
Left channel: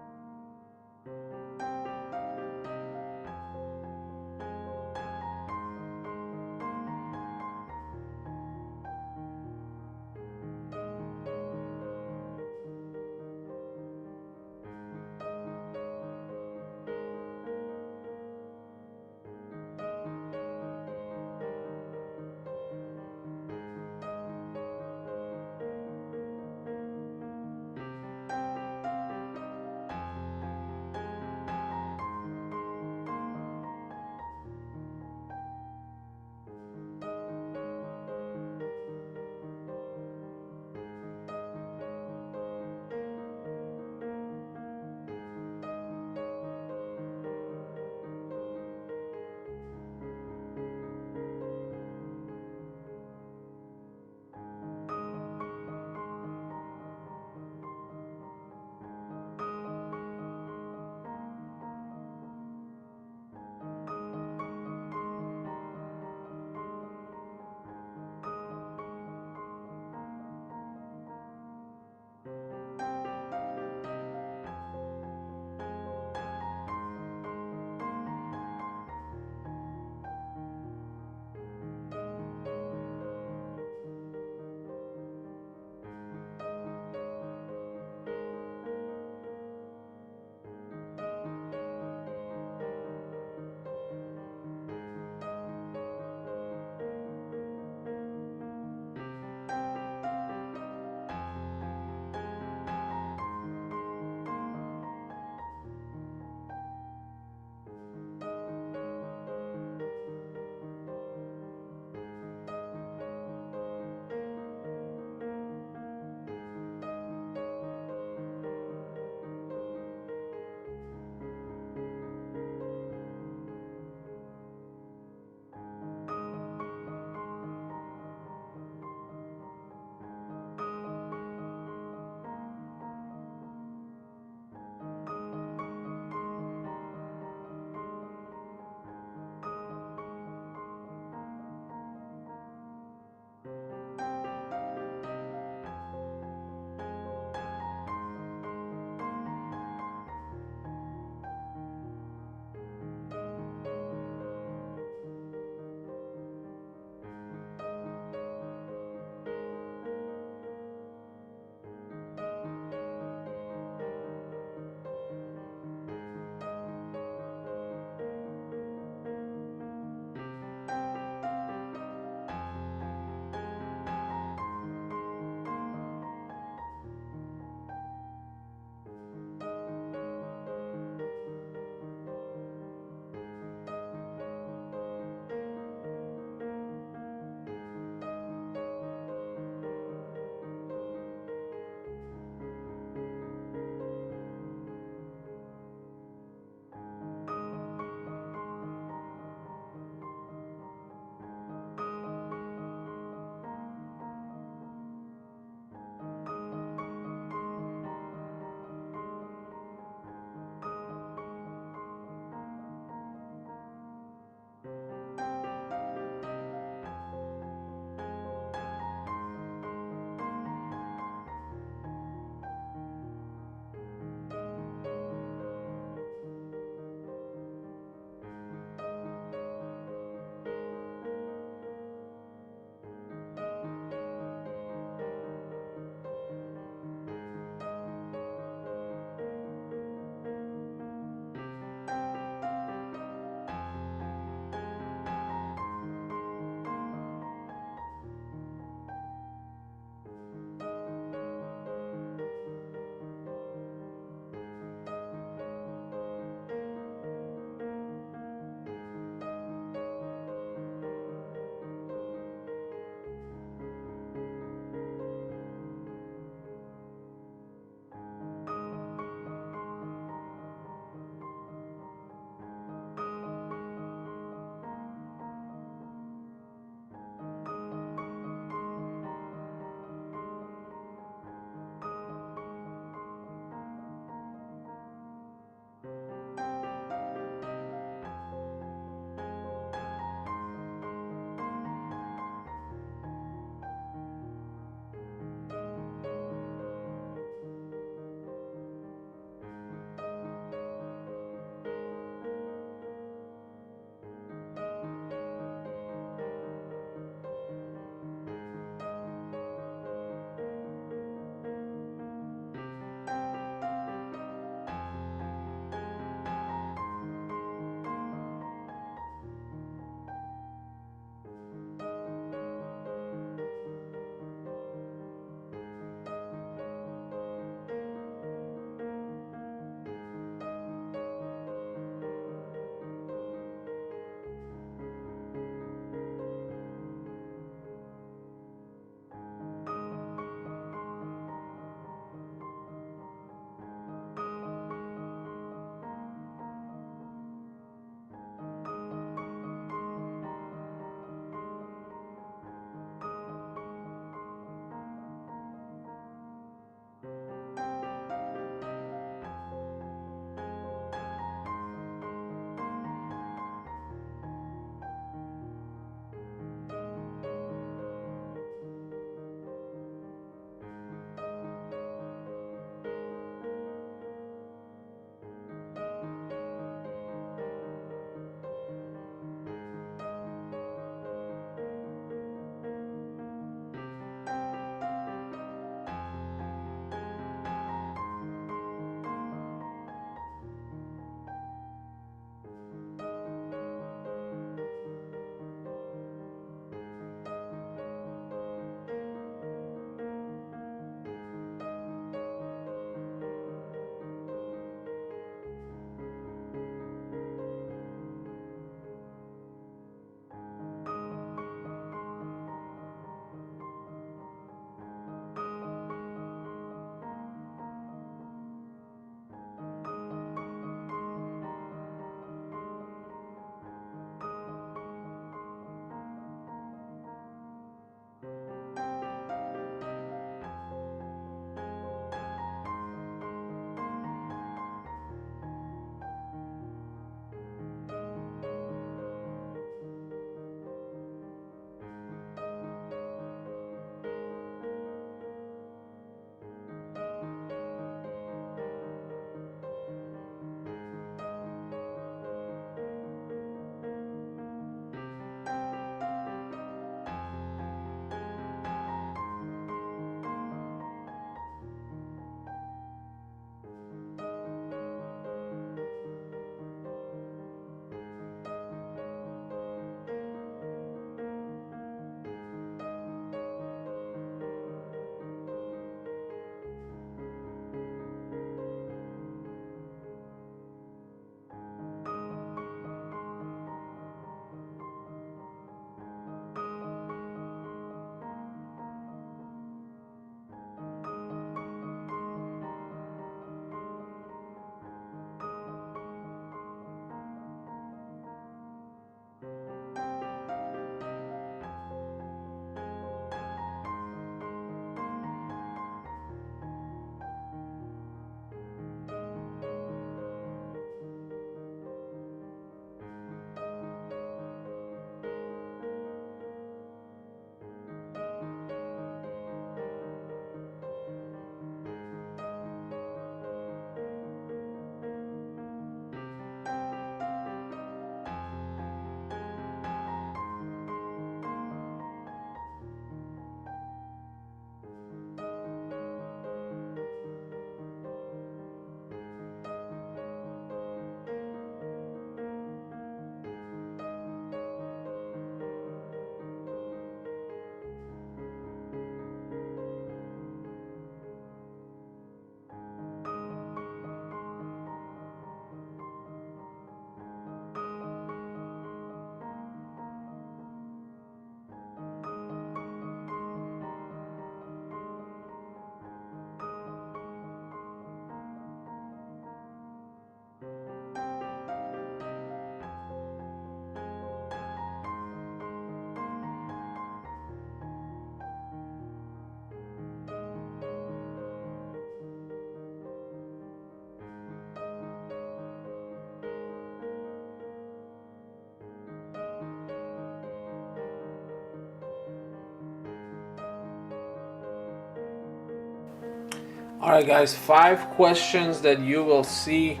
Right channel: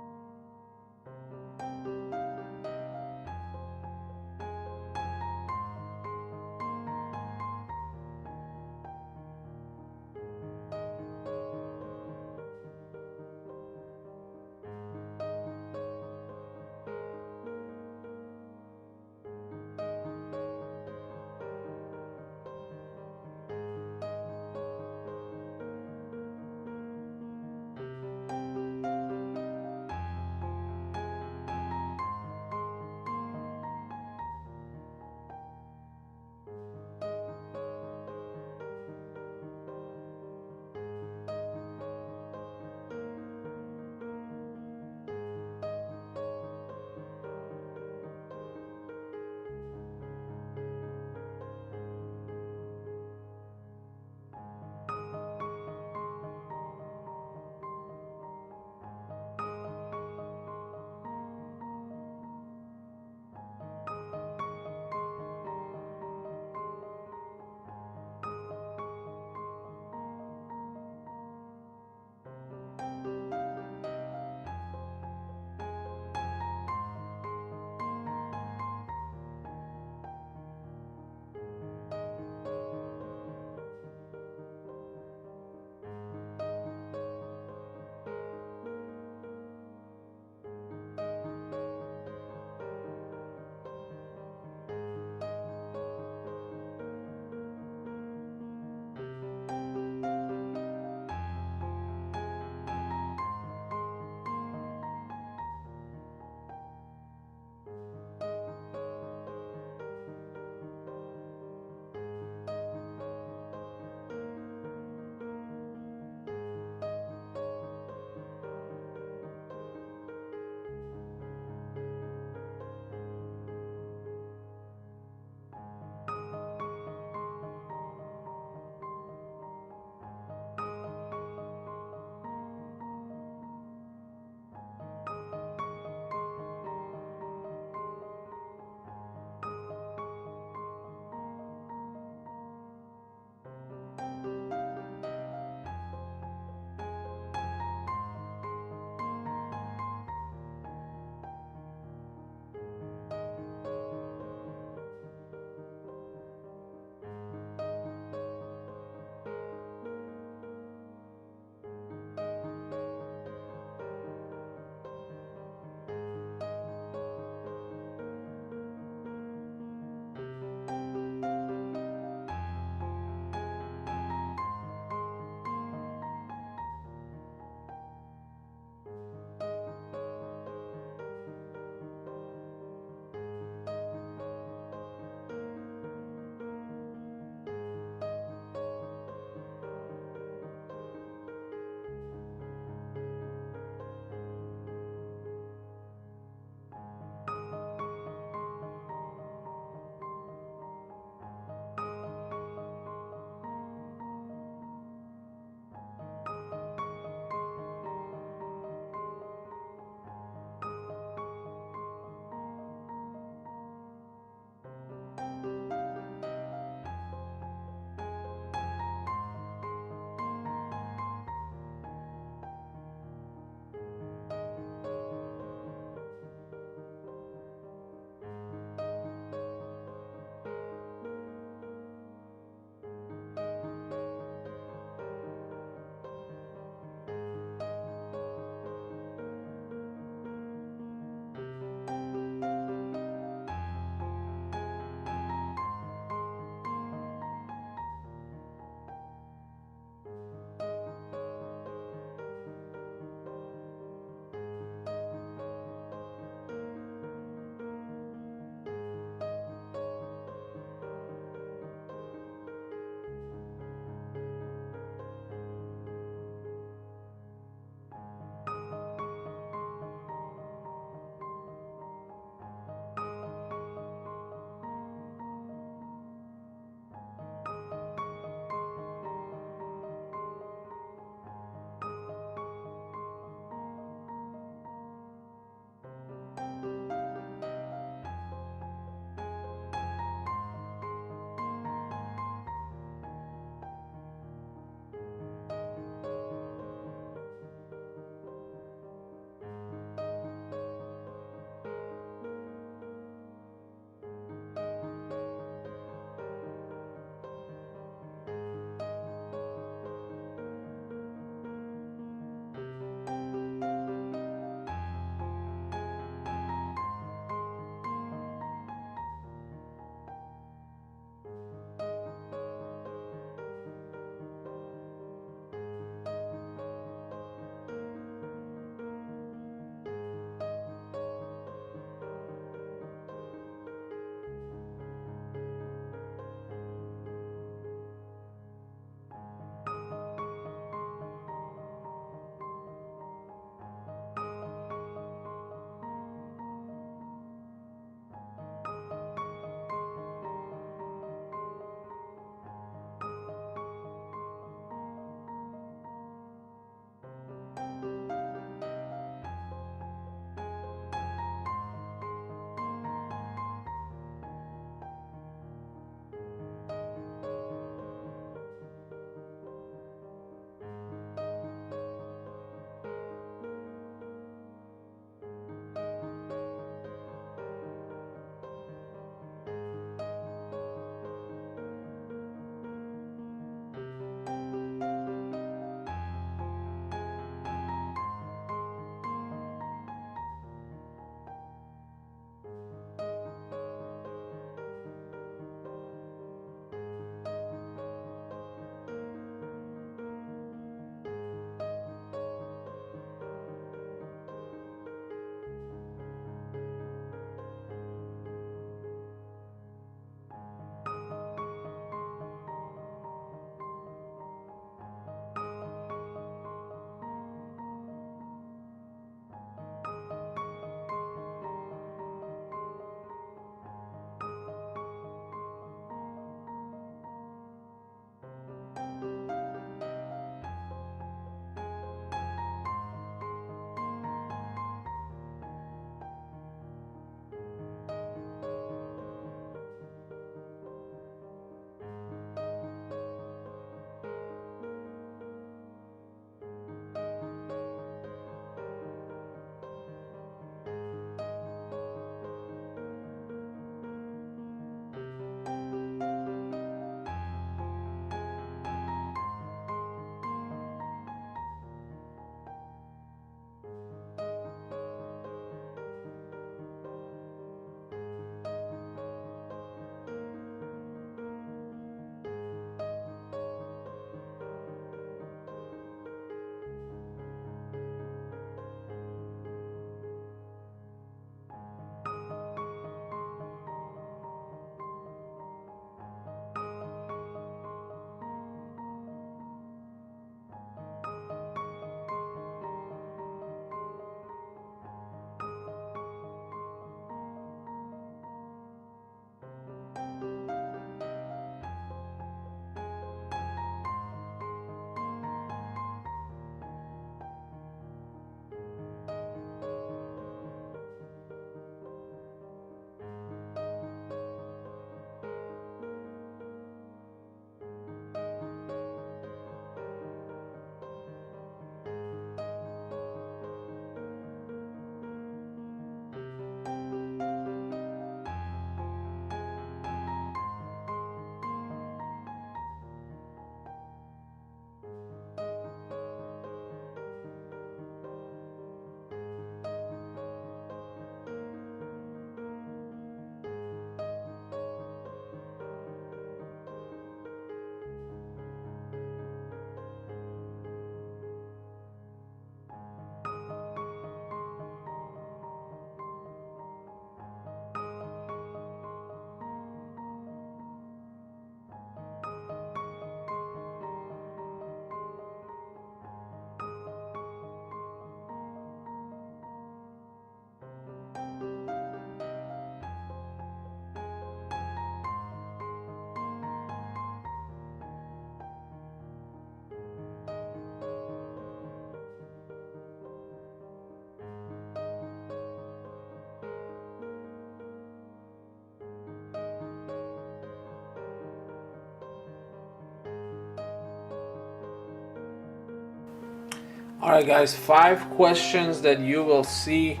All right, guys, 5 questions that you will see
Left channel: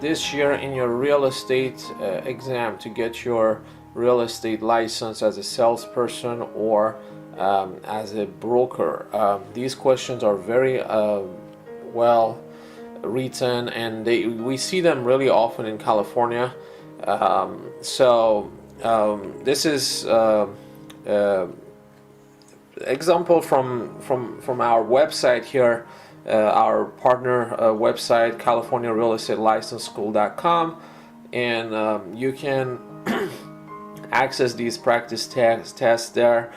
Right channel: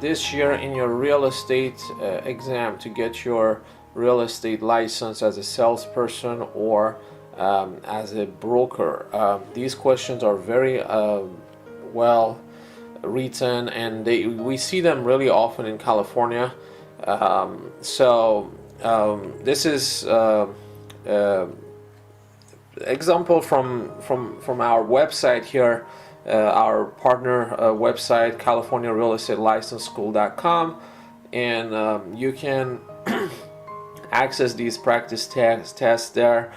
this year in your real estate exam to get your real estate license as a salesperson or as a broker. These questions are very well written, and we see them really often in California. This is example from our website here, our partner website, CaliforniaRealEstateLicenseSchool.com, and you can access these practice tests there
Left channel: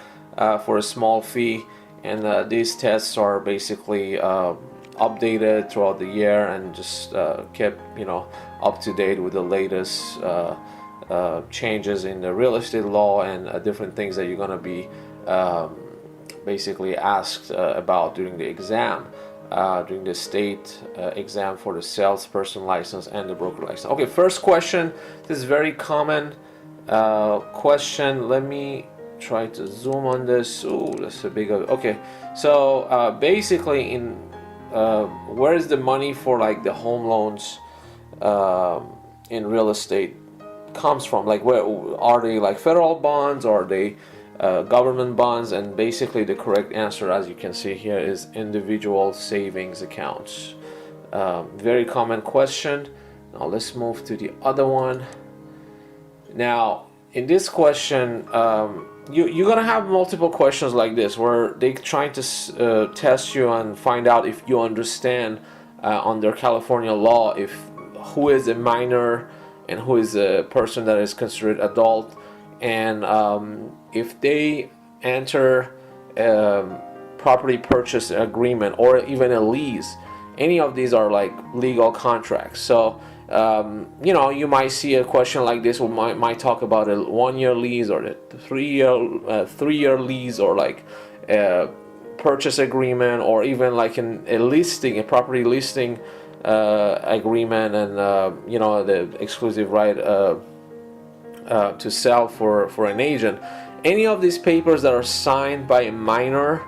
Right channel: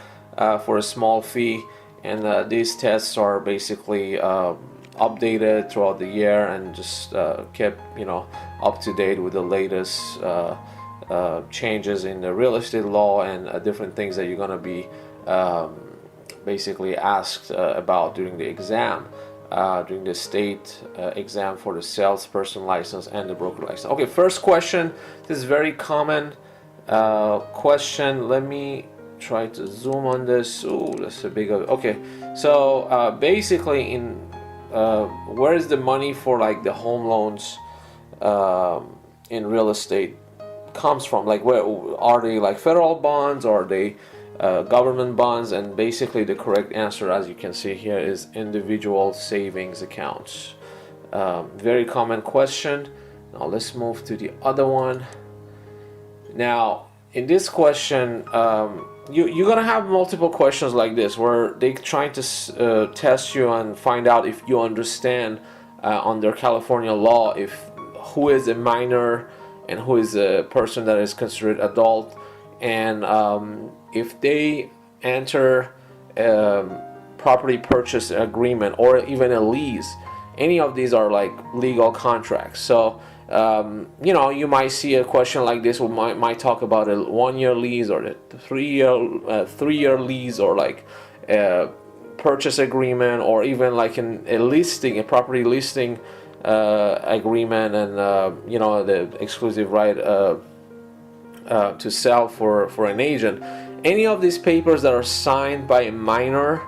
for a small fee. And these tests are basically updated throughout the year and just kept up to date with the latest changes in the real estate law and different things that you're going to be basically asked about during the exam, during the state exam for the salesperson license and the broker license. Okay, first question. This is very common question. Let me try to zoom on this. Oh, that's a big. Okay, so basically, where is the money for like the home loans in real estate comes from? Like, where are they? Like federal bonds, or are they government bonds? And basically the correct answer, as you can see here, is individual savings accounts. Very common question. Now let's move to the other one. Now in this question, you're gonna have multiple questions like this where they trying to test you and find out if you understand under California law if who is a minor and who is a person that is considered adult. And if they enter property purchase agreement or even a lease, any of these are like legal contracts. So you might see a question like this might talk about a 1-year lease or a 3-year lease, or like a purchase agreement, or even like a property listing agreement, and the exclusive right to sell for an agent. Any of these papers that are signed by a minor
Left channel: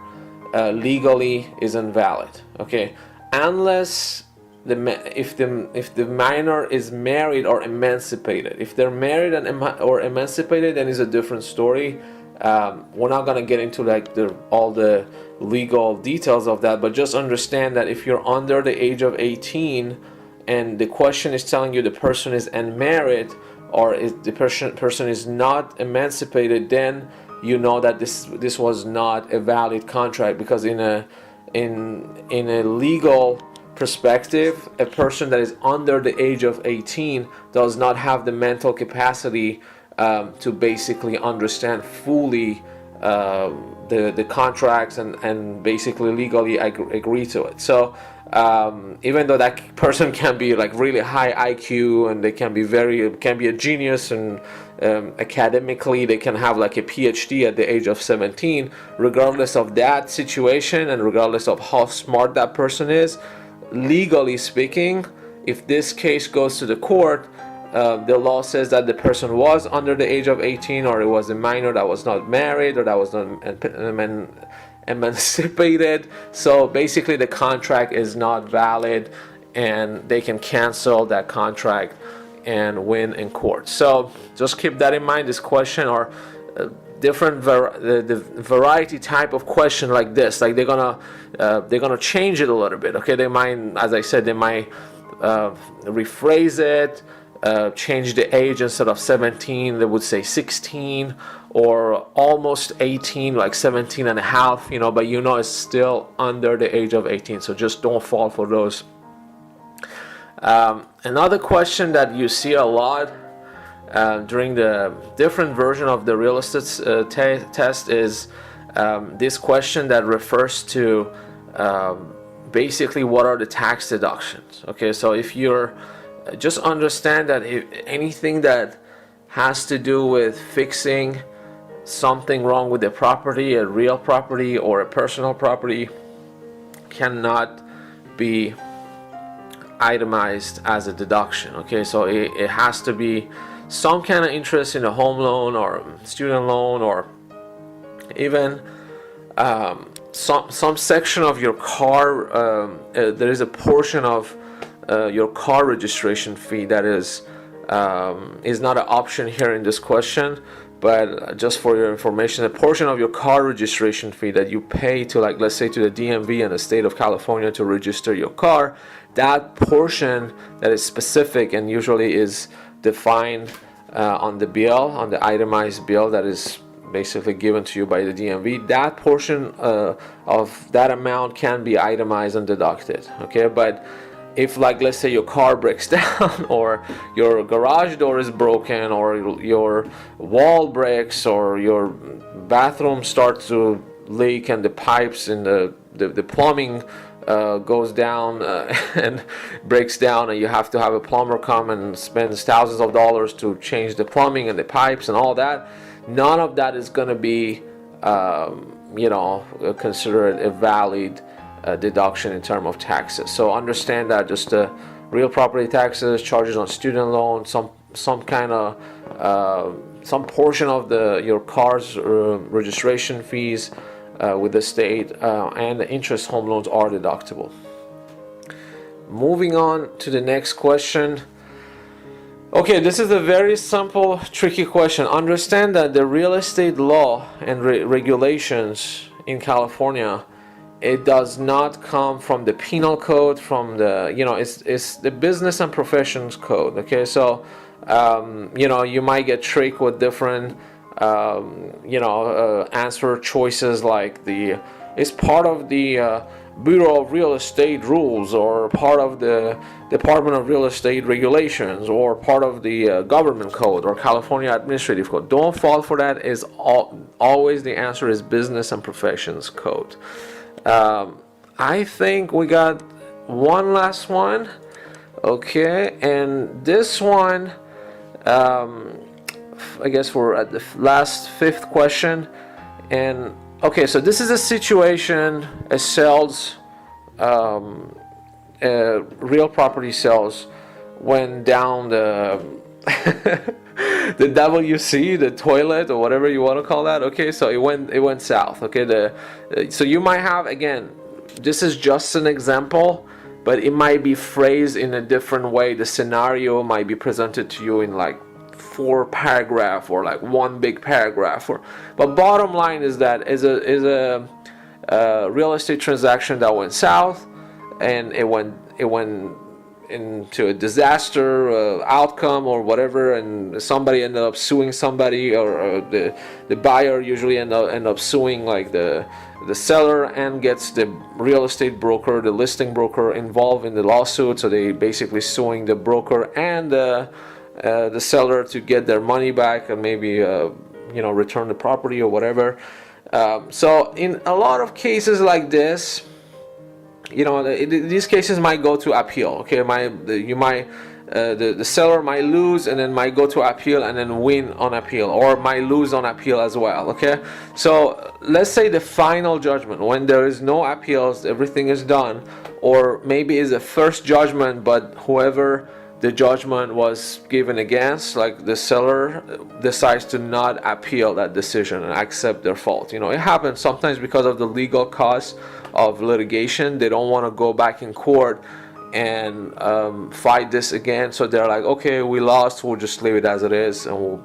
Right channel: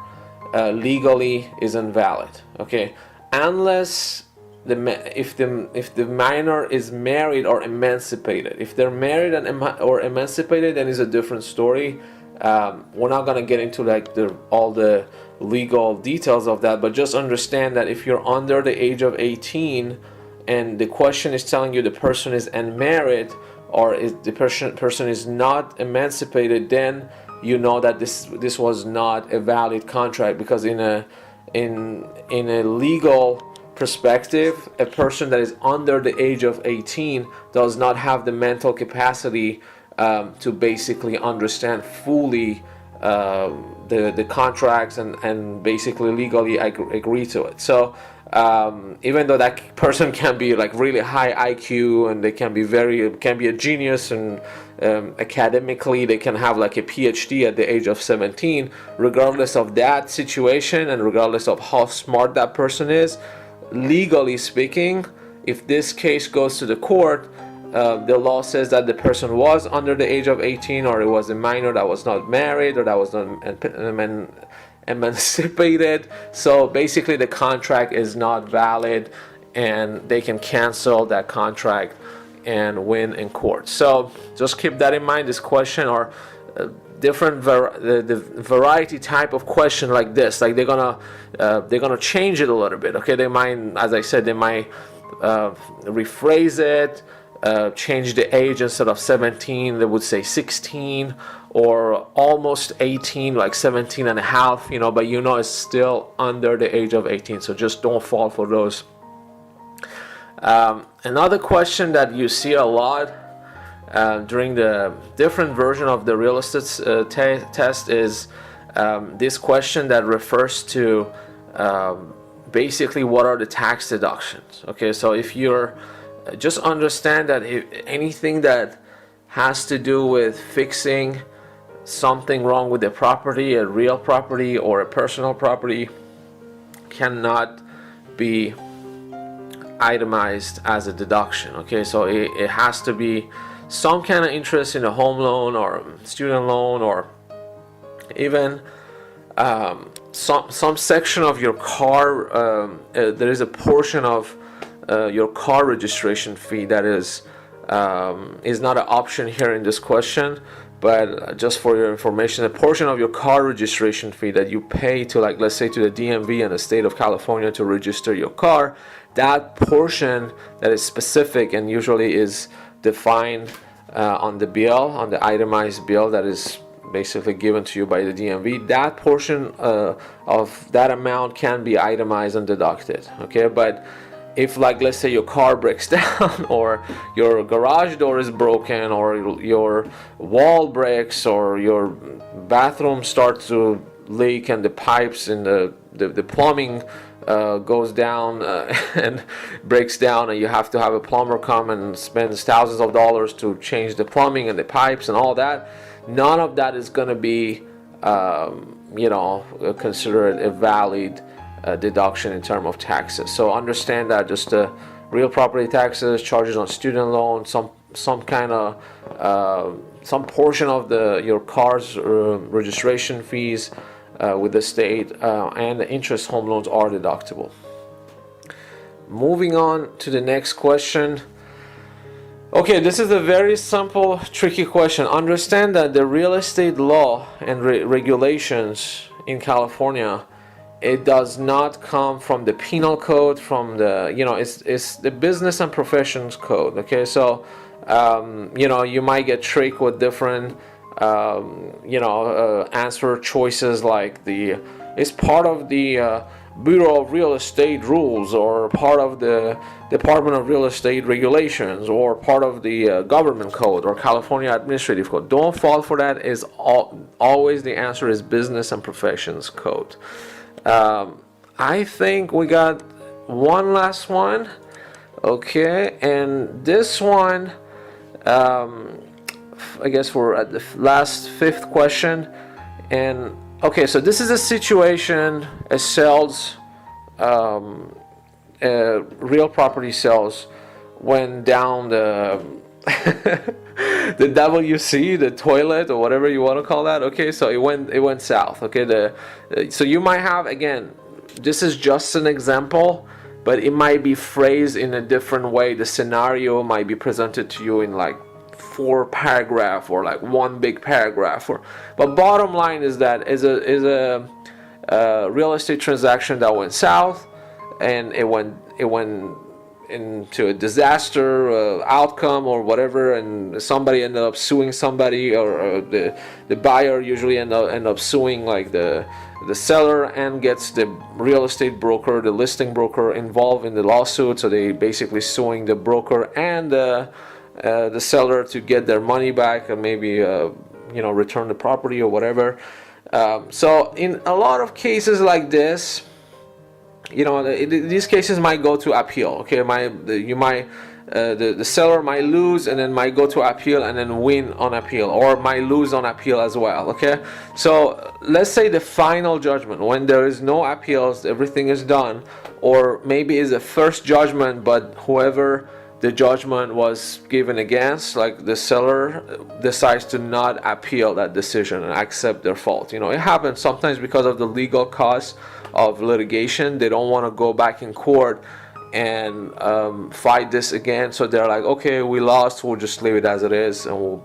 legally is invalid. Okay, unless if the minor is married or emancipated. If they're married or emancipated, then it's a different story. We're not gonna get into like all the legal details of that, but just understand that if you're under the age of 18 and the question is telling you the person is unmarried, or if the person is not emancipated, then you know that this was not a valid contract, because in a legal perspective, a person that is under the age of 18 does not have the mental capacity to basically understand fully the contracts and basically legally agree to it. So even though that person can be like really high IQ and they can be a genius, and academically they can have like a PhD at the age of 17, regardless of that situation and regardless of how smart that person is, legally speaking, if this case goes to the court, the law says that the person was under the age of 18, or it was a minor that was not married, or that was not emancipated. So basically the contract is not valid, and they can cancel that contract and win in court. So just keep that in mind. This question, or different the variety type of question like this, like they're gonna change it a little bit. Okay, they might, as I said, they might rephrase it, change the age. Instead of 17, they would say 16, or almost 18, like 17 and a half, but it's still under the age of 18. So just don't fall for those. Another question that you see a lot during the different version of the real estate test is this question that refers to basically what are the tax deductions. Okay, so if you're just understand that if anything that has to do with fixing something wrong with the property, a real property or a personal property, cannot be itemized as a deduction. Okay, so it has to be some kind of interest in a home loan or student loan, or even some section of your car, there is a portion of your car registration fee that is not an option here in this question, but just for your information, a portion of your car registration fee that you pay to, like, let's say to the DMV in the state of California to register your car, that portion that is specific and usually is defined on the bill, on the itemized bill that is basically given to you by the DMV, that portion of that amount can be itemized and deducted. Okay, but if, like, let's say your car breaks down, or your garage door is broken, or your wall breaks, or your bathroom starts to leak and the pipes in the plumbing goes down and breaks down, and you have to have a plumber come and spends thousands of dollars to change the plumbing and the pipes and all that, none of that is going to be considered a valid deduction in terms of taxes. So understand that just the real property taxes, charges on student loans, some kind of some portion of your car's registration fees with the state and the interest home loans are deductible. Moving on to the next question. Okay, this is a very simple, tricky question. Understand that the real estate law and regulations in California, it does not come from the penal code, from the, it's the business and professions code. Okay, so, you might get tricked with different, answer choices, like it's part of the Bureau of Real Estate rules, or part of the Department of Real Estate regulations, or part of the government code, or California administrative code. Don't fall for that. Is always the answer is business and professions code. I think we got one last one. Okay, and this one, I guess we're at the last fifth question. And okay, so this is a situation, a sales, real property sales went down the the WC, the toilet, or whatever you want to call that. Okay, so it went south. Okay, so you might have, again, this is just an example, but it might be phrased in a different way. The scenario might be presented to you in like 4 paragraph, or like one big paragraph. But bottom line is that is a real estate transaction that went south, and it went into a disaster outcome or whatever, and somebody ended up suing somebody, or the buyer usually end up suing, like the seller, and gets the real estate broker, the listing broker, involved in the lawsuit. So they basically suing the broker and the seller to get their money back, and maybe return the property or whatever. So in a lot of cases like this, these cases might go to appeal. Okay, the seller might lose and then might go to appeal and then win on appeal, or might lose on appeal as well. Okay, so let's say the final judgment, when there is no appeals, everything is done, or maybe is a first judgment, but whoever the judgment was given against, like the seller, decides to not appeal that decision and accept their fault. It happens sometimes because of the legal costs of litigation. They don't want to go back in court and fight this again, so they're like, okay, we lost, we'll just leave it as it is, and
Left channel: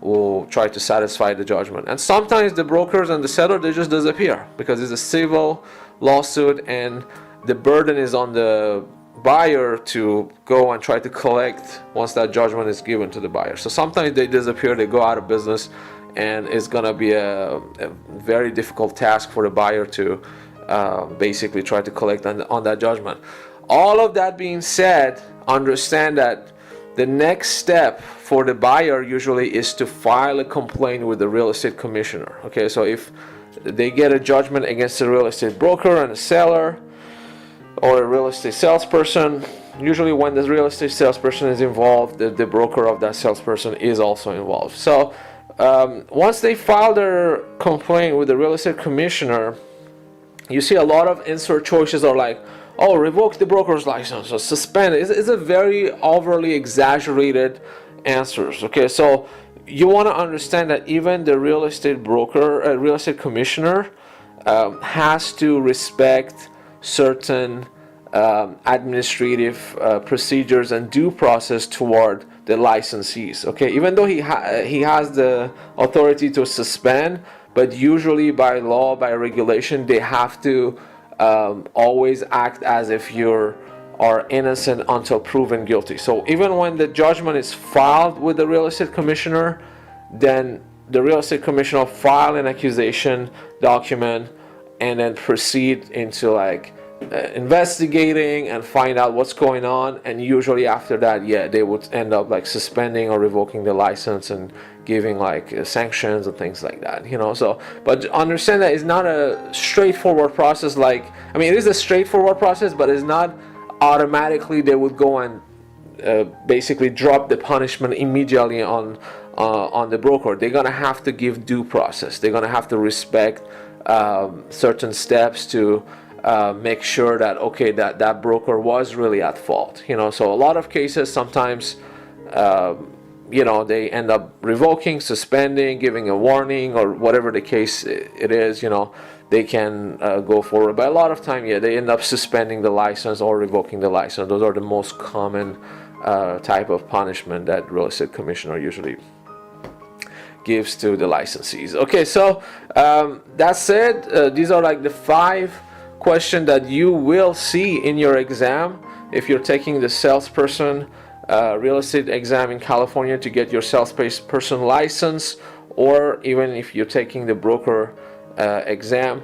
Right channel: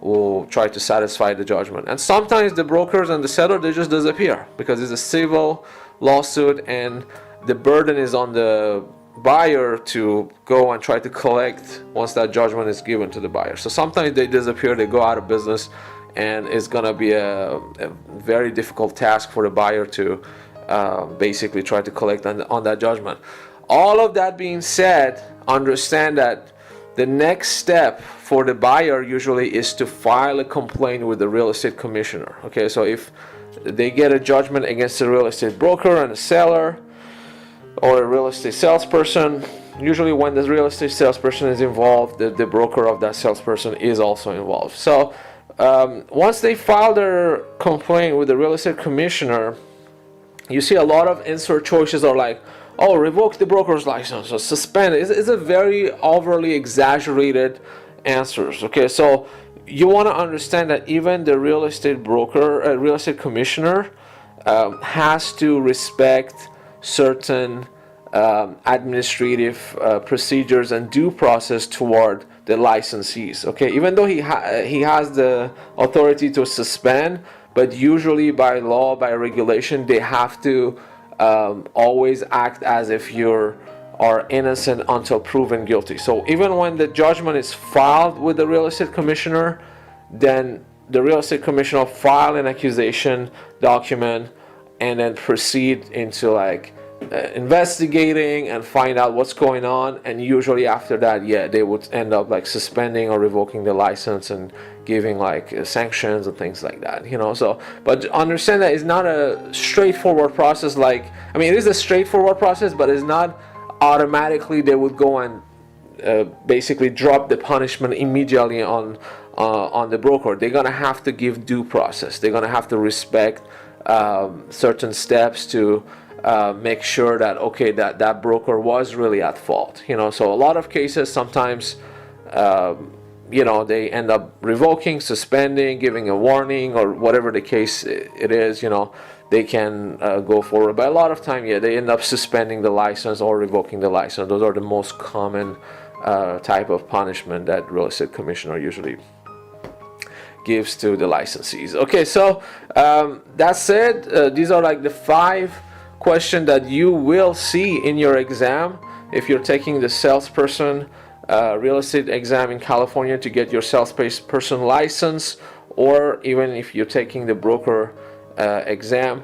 we'll try to satisfy the judgment. And sometimes the brokers and the seller, they just disappear, because it's a civil lawsuit and the burden is on the buyer to go and try to collect once that judgment is given to the buyer. So sometimes they disappear, they go out of business, and it's gonna be a very difficult task for the buyer to basically try to collect on that judgment. All of that being said, understand that the next step for the buyer usually is to file a complaint with the real estate commissioner. Okay, so if they get a judgment against the real estate broker and a seller, or a real estate salesperson, usually when the real estate salesperson is involved, the broker of that salesperson is also involved. So once they file their complaint with the real estate commissioner, you see a lot of answer choices are like, oh, revoke the broker's license, or suspend it. It's a very overly exaggerated answers. Okay, so you want to understand that even the real estate broker, real estate commissioner, has to respect certain administrative procedures and due process toward the licensees. Okay, even though he has the authority to suspend, but usually by law, by regulation, they have to always act as if you are innocent until proven guilty. So even when the judgment is filed with the real estate commissioner, then the real estate commissioner file an accusation document and then proceed into like investigating and find out what's going on. And usually after that, yeah, they would end up like suspending or revoking the license and giving like sanctions and things like that, you know. So but understand that it's not a straightforward process. Like, I mean, it is a straightforward process, but it's not automatically they would go and basically drop the punishment immediately on the broker. They're gonna have to give due process. They're gonna have to respect certain steps to make sure that okay, that broker was really at fault. You know, so a lot of cases sometimes you know, they end up revoking, suspending, giving a warning, or whatever the case it is. You know, they can go forward. But a lot of time, yeah, they end up suspending the license or revoking the license. Those are the most common type of punishment that real estate commissioner usually gives to the licensees. Okay, so that's it. These are like the 5 questions that you will see in your exam if you're taking the salesperson real estate exam in California to get your salesperson license, or even if you're taking the broker exam.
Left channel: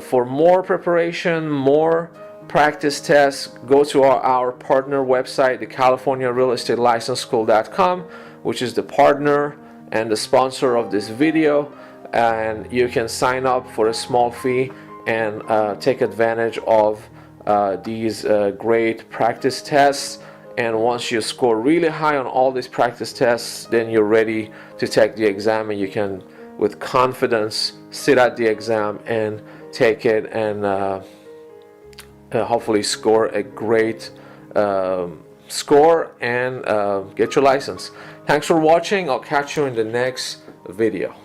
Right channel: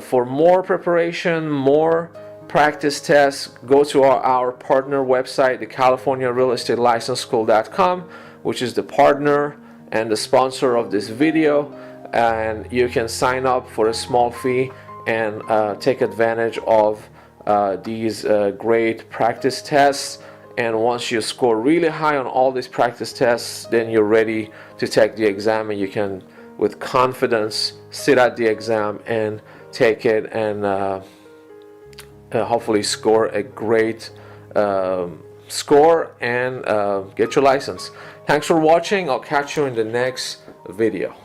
For more preparation, more practice tests, go to our partner website, the California Real Estate License School.com, which is the partner and the sponsor of this video, and you can sign up for a small fee and take advantage of these great practice tests. And once you score really high on all these practice tests, then you're ready to take the exam, and you can with confidence sit at the exam and take it and hopefully score a great score and get your license. Thanks for watching. I'll catch you in the next video.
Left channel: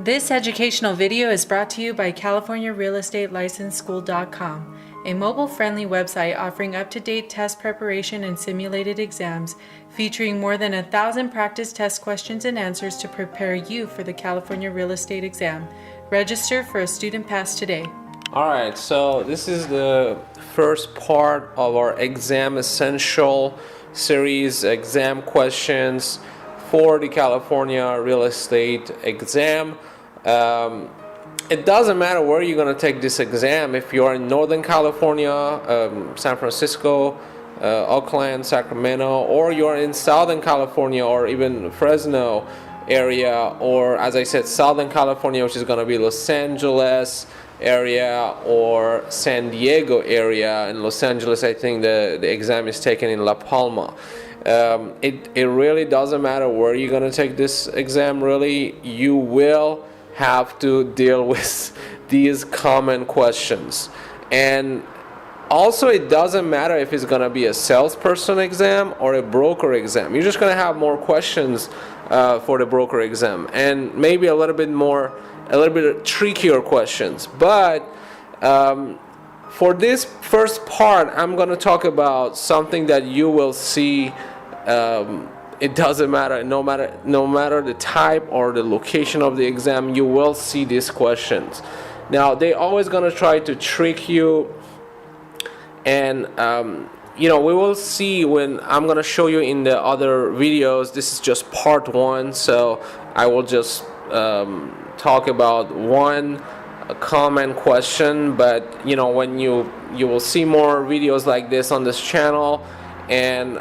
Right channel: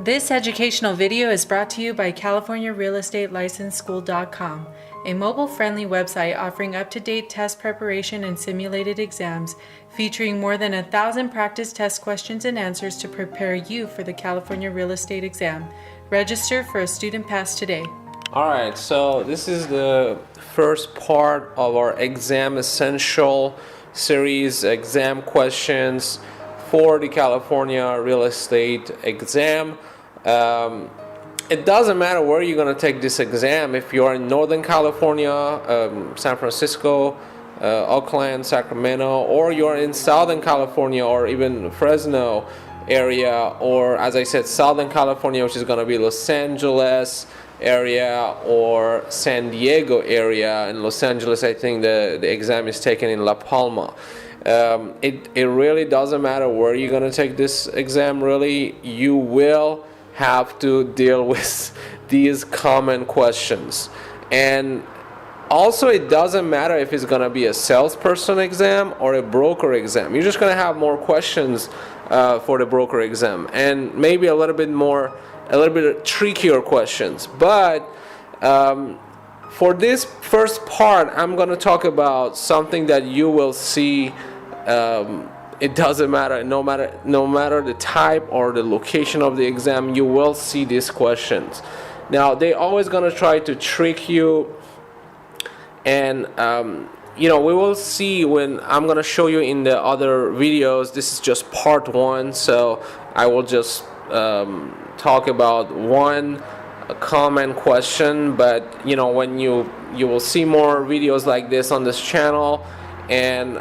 This educational video is brought to you by CaliforniaRealEstateLicenseSchool.com, a mobile-friendly website offering up-to-date test preparation and simulated exams, featuring more than 1,000 practice test questions and answers to prepare you for the California real estate exam. Register for a student pass today. Alright, so this is the first part of our exam essential series, exam questions for the California real estate exam. It doesn't matter where you're going to take this exam. If you're in Northern California, San Francisco, Oakland, Sacramento, or you're in Southern California or even Fresno area, or as I said, Southern California, which is going to be Los Angeles area or San Diego area. In Los Angeles, I think the exam is taken in La Palma. It really doesn't matter where you're going to take this exam. Really, you will have to deal with these common questions. And also, it doesn't matter if it's going to be a salesperson exam or a broker exam. You're just going to have more questions for the broker exam, and maybe a little bit trickier questions. But for this first part, I'm going to talk about something that you will see. It doesn't matter, no matter the type or the location of the exam, you will see these questions. Now, they're always going to try to trick you, and you know, we will see when I'm going to show you in the other videos. This is just part 1, so I will just talk about one common question. But you know, when you will see more videos like this on this channel, and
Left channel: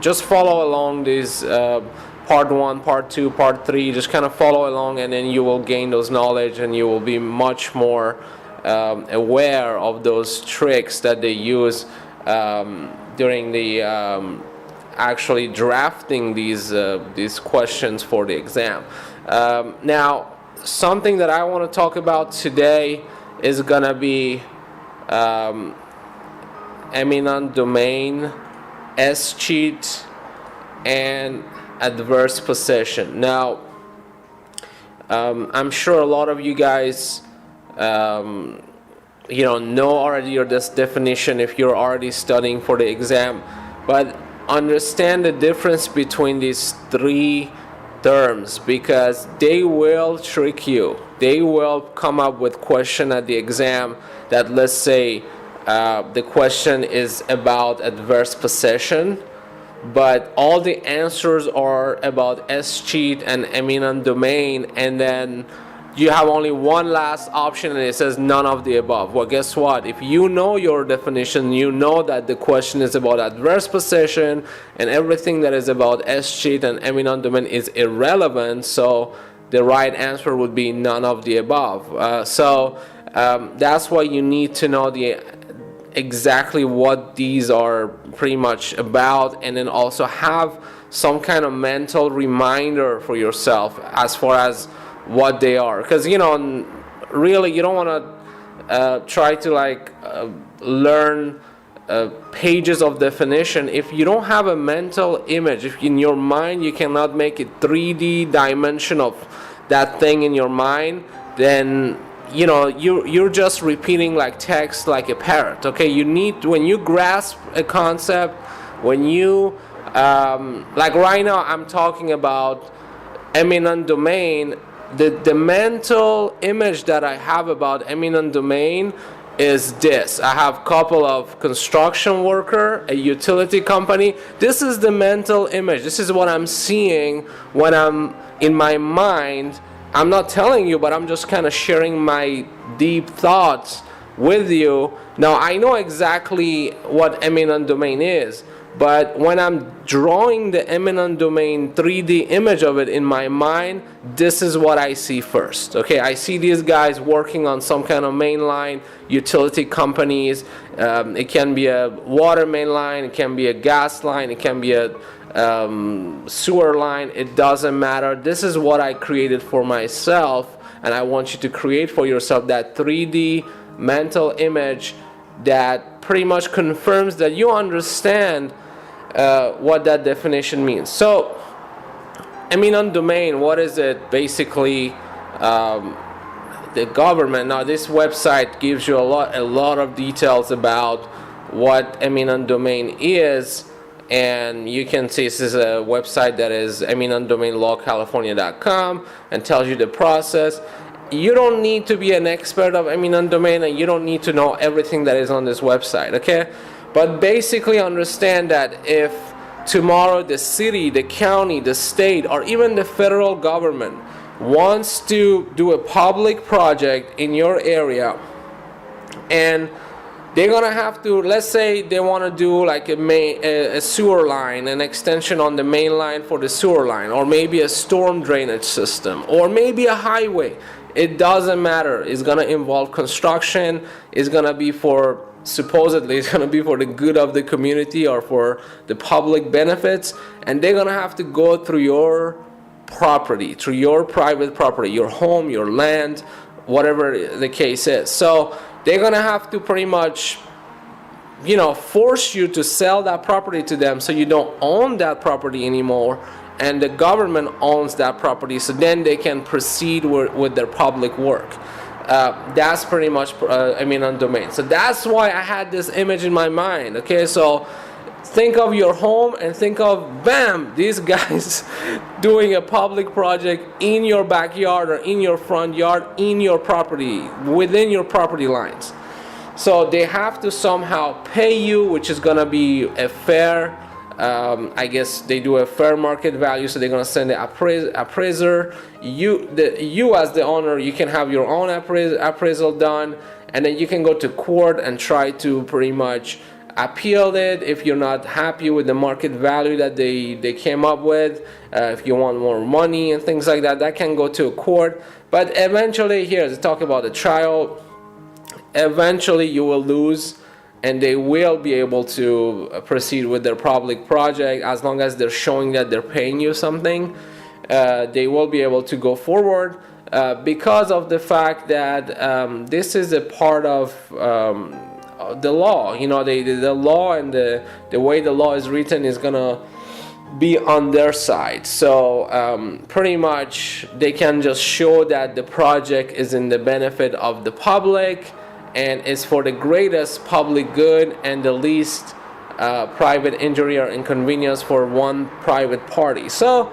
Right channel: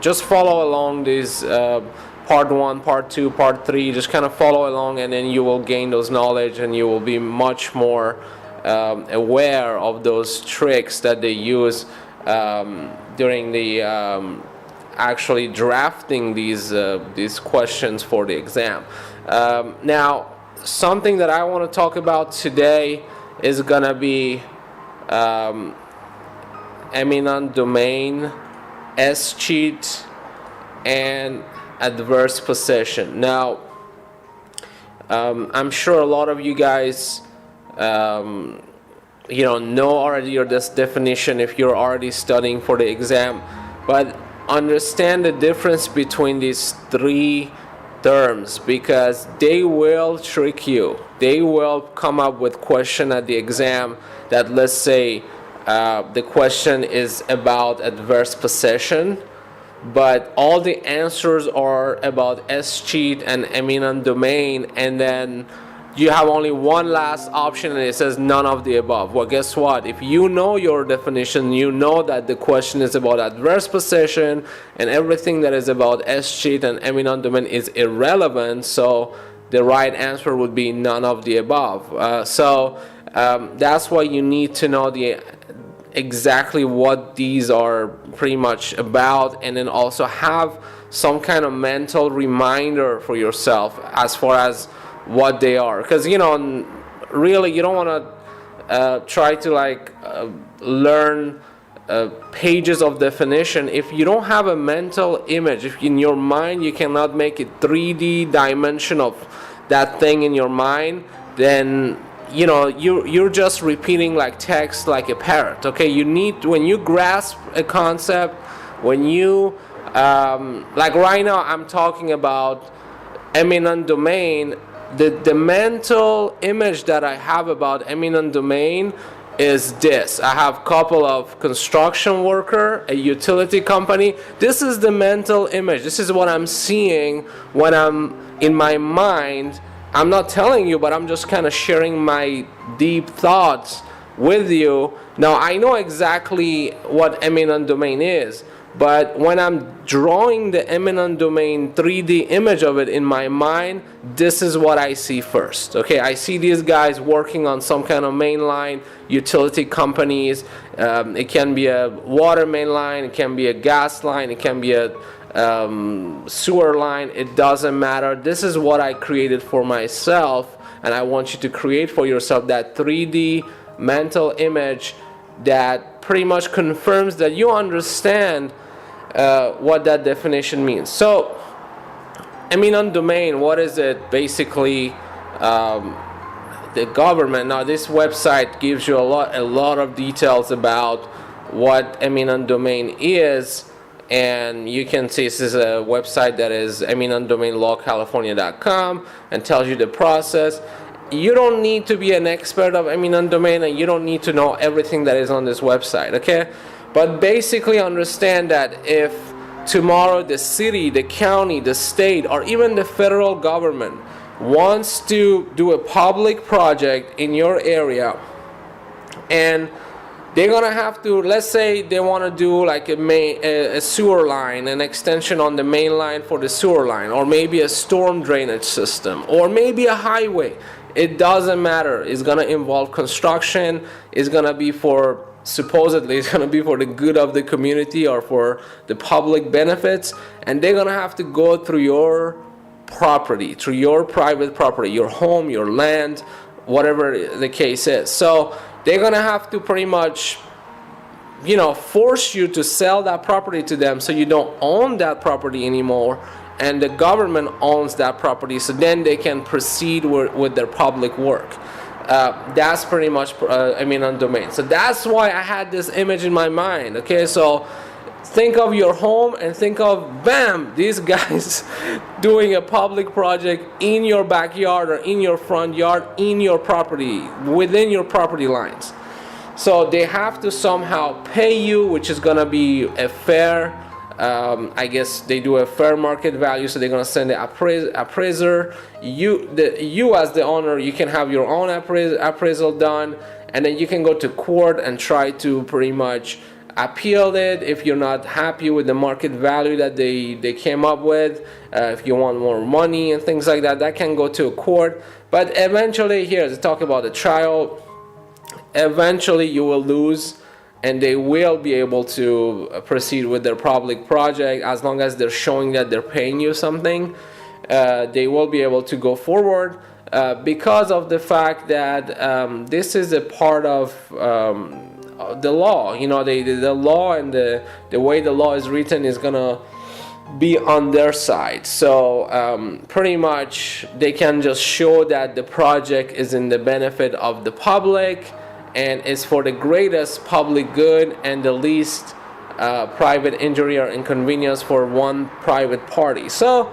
just follow along these part 1, part 2, part 3. Just kind of follow along, and then you will gain those knowledge, and you will be much more aware of those tricks that they use during the actually drafting these questions for the exam. Now, something that I want to talk about today is gonna be eminent domain, escheat, and adverse possession. Now, I'm sure a lot of you guys know already your this definition if you're already studying for the exam, but understand the difference between these three terms, because they will trick you. They will come up with question at the exam that, let's say, the question is about adverse possession, but all the answers are about escheat and eminent domain, and then you have only one last option and it says none of the above. Well, guess what? If you know your definition, you know that the question is about adverse possession, and everything that is about escheat and eminent domain is irrelevant, so the right answer would be none of the above. So that's why you need to know exactly what these are pretty much about, and then also have some kind of mental reminder for yourself as far as what they are, because really you don't want to try to learn pages of definition if you don't have a mental image. If in your mind you cannot make it 3D dimension of that thing in your mind, then you're just repeating like text like a parrot. Okay, you need, when you grasp a concept, when you like right now I'm talking about eminent domain, the mental image that I have about eminent domain is this. I have a couple of construction worker, a utility company. This is the mental image. This is what I'm seeing when I'm in my mind. I'm not telling you, but I'm just kind of sharing my deep thoughts with you. Now, I know exactly what eminent domain is, but when I'm drawing the eminent domain 3D image of it in my mind, this is what I see first. Okay, I see these guys working on some kind of main line, utility companies. It can be a water main line, it can be a gas line, it can be a sewer line. It doesn't matter. This is what I created for myself, and I want you to create for yourself that 3D mental image that pretty much confirms that you understand what that definition means. So, eminent domain, what is it? Basically, the government. Now, this website gives you a lot of details about what eminent domain is, and you can see this is a website that is eminentdomainlawcalifornia.com and tells you the process. You don't need to be an expert of eminent domain, and you don't need to know everything that is on this website, okay? But basically understand that if tomorrow the city, the county, the state, or even the federal government wants to do a public project in your area, and they're gonna have to, let's say they want to do like a sewer line, an extension on the main line for the sewer line, or maybe a storm drainage system, or maybe a highway. It doesn't matter. It's gonna involve construction. It's gonna be supposedly it's gonna be for the good of the community or for the public benefits, and they're gonna have to go through your property, through your private property, your home, your land, whatever the case is. So they're gonna have to pretty much force you to sell that property to them, so you don't own that property anymore, and the government owns that property, so then they can proceed with their public work. That's pretty much eminent domain. So that's why I had this image in my mind. Okay, so think of your home and think of, bam, these guys doing a public project in your backyard or in your front yard, in your property, within your property lines. So they have to somehow pay you, which is gonna be a fair, I guess they do a fair market value, so they're gonna send the appraiser. You as the owner, you can have your own appraisal done, and then you can go to court and try to pretty much appeal it if you're not happy with the market value that they came up with. If you want more money and things like that, that can go to a court. But eventually, here to talk about the trial, eventually you will lose, and they will be able to proceed with their public project as long as they're showing that they're paying you something. They will be able to go forward because of the fact that this is a part of the law. The law and the way the law is written is gonna be on their side. So pretty much they can just show that the project is in the benefit of the public and is for the greatest public good and the least private injury or inconvenience for one private party. So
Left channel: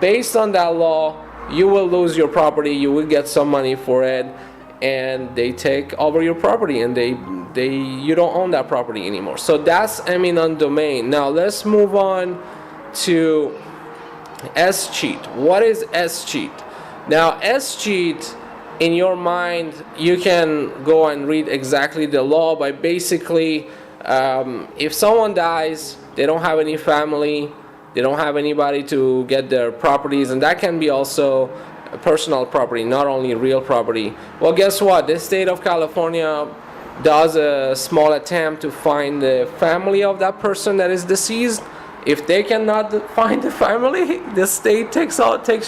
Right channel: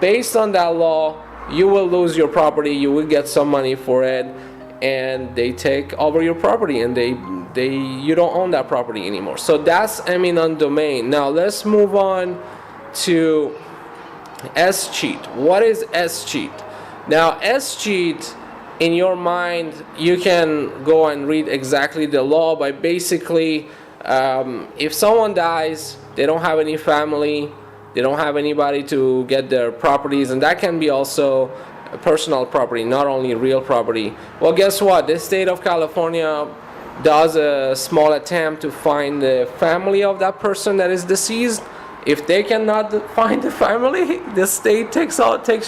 based on that law, you will lose your property, you will get some money for it, and they take over your property, and you don't own that property anymore. So that's eminent domain. Now let's move on to S-cheat. What is S-cheat? Now S-cheat, in your mind, you can go and read exactly the law, but basically if someone dies, they don't have any family, they don't have anybody to get their properties, and that can be also personal property, not only real property. Well, guess what? The state of California does a small attempt to find the family of that person that is deceased. If they cannot find the family, the state takes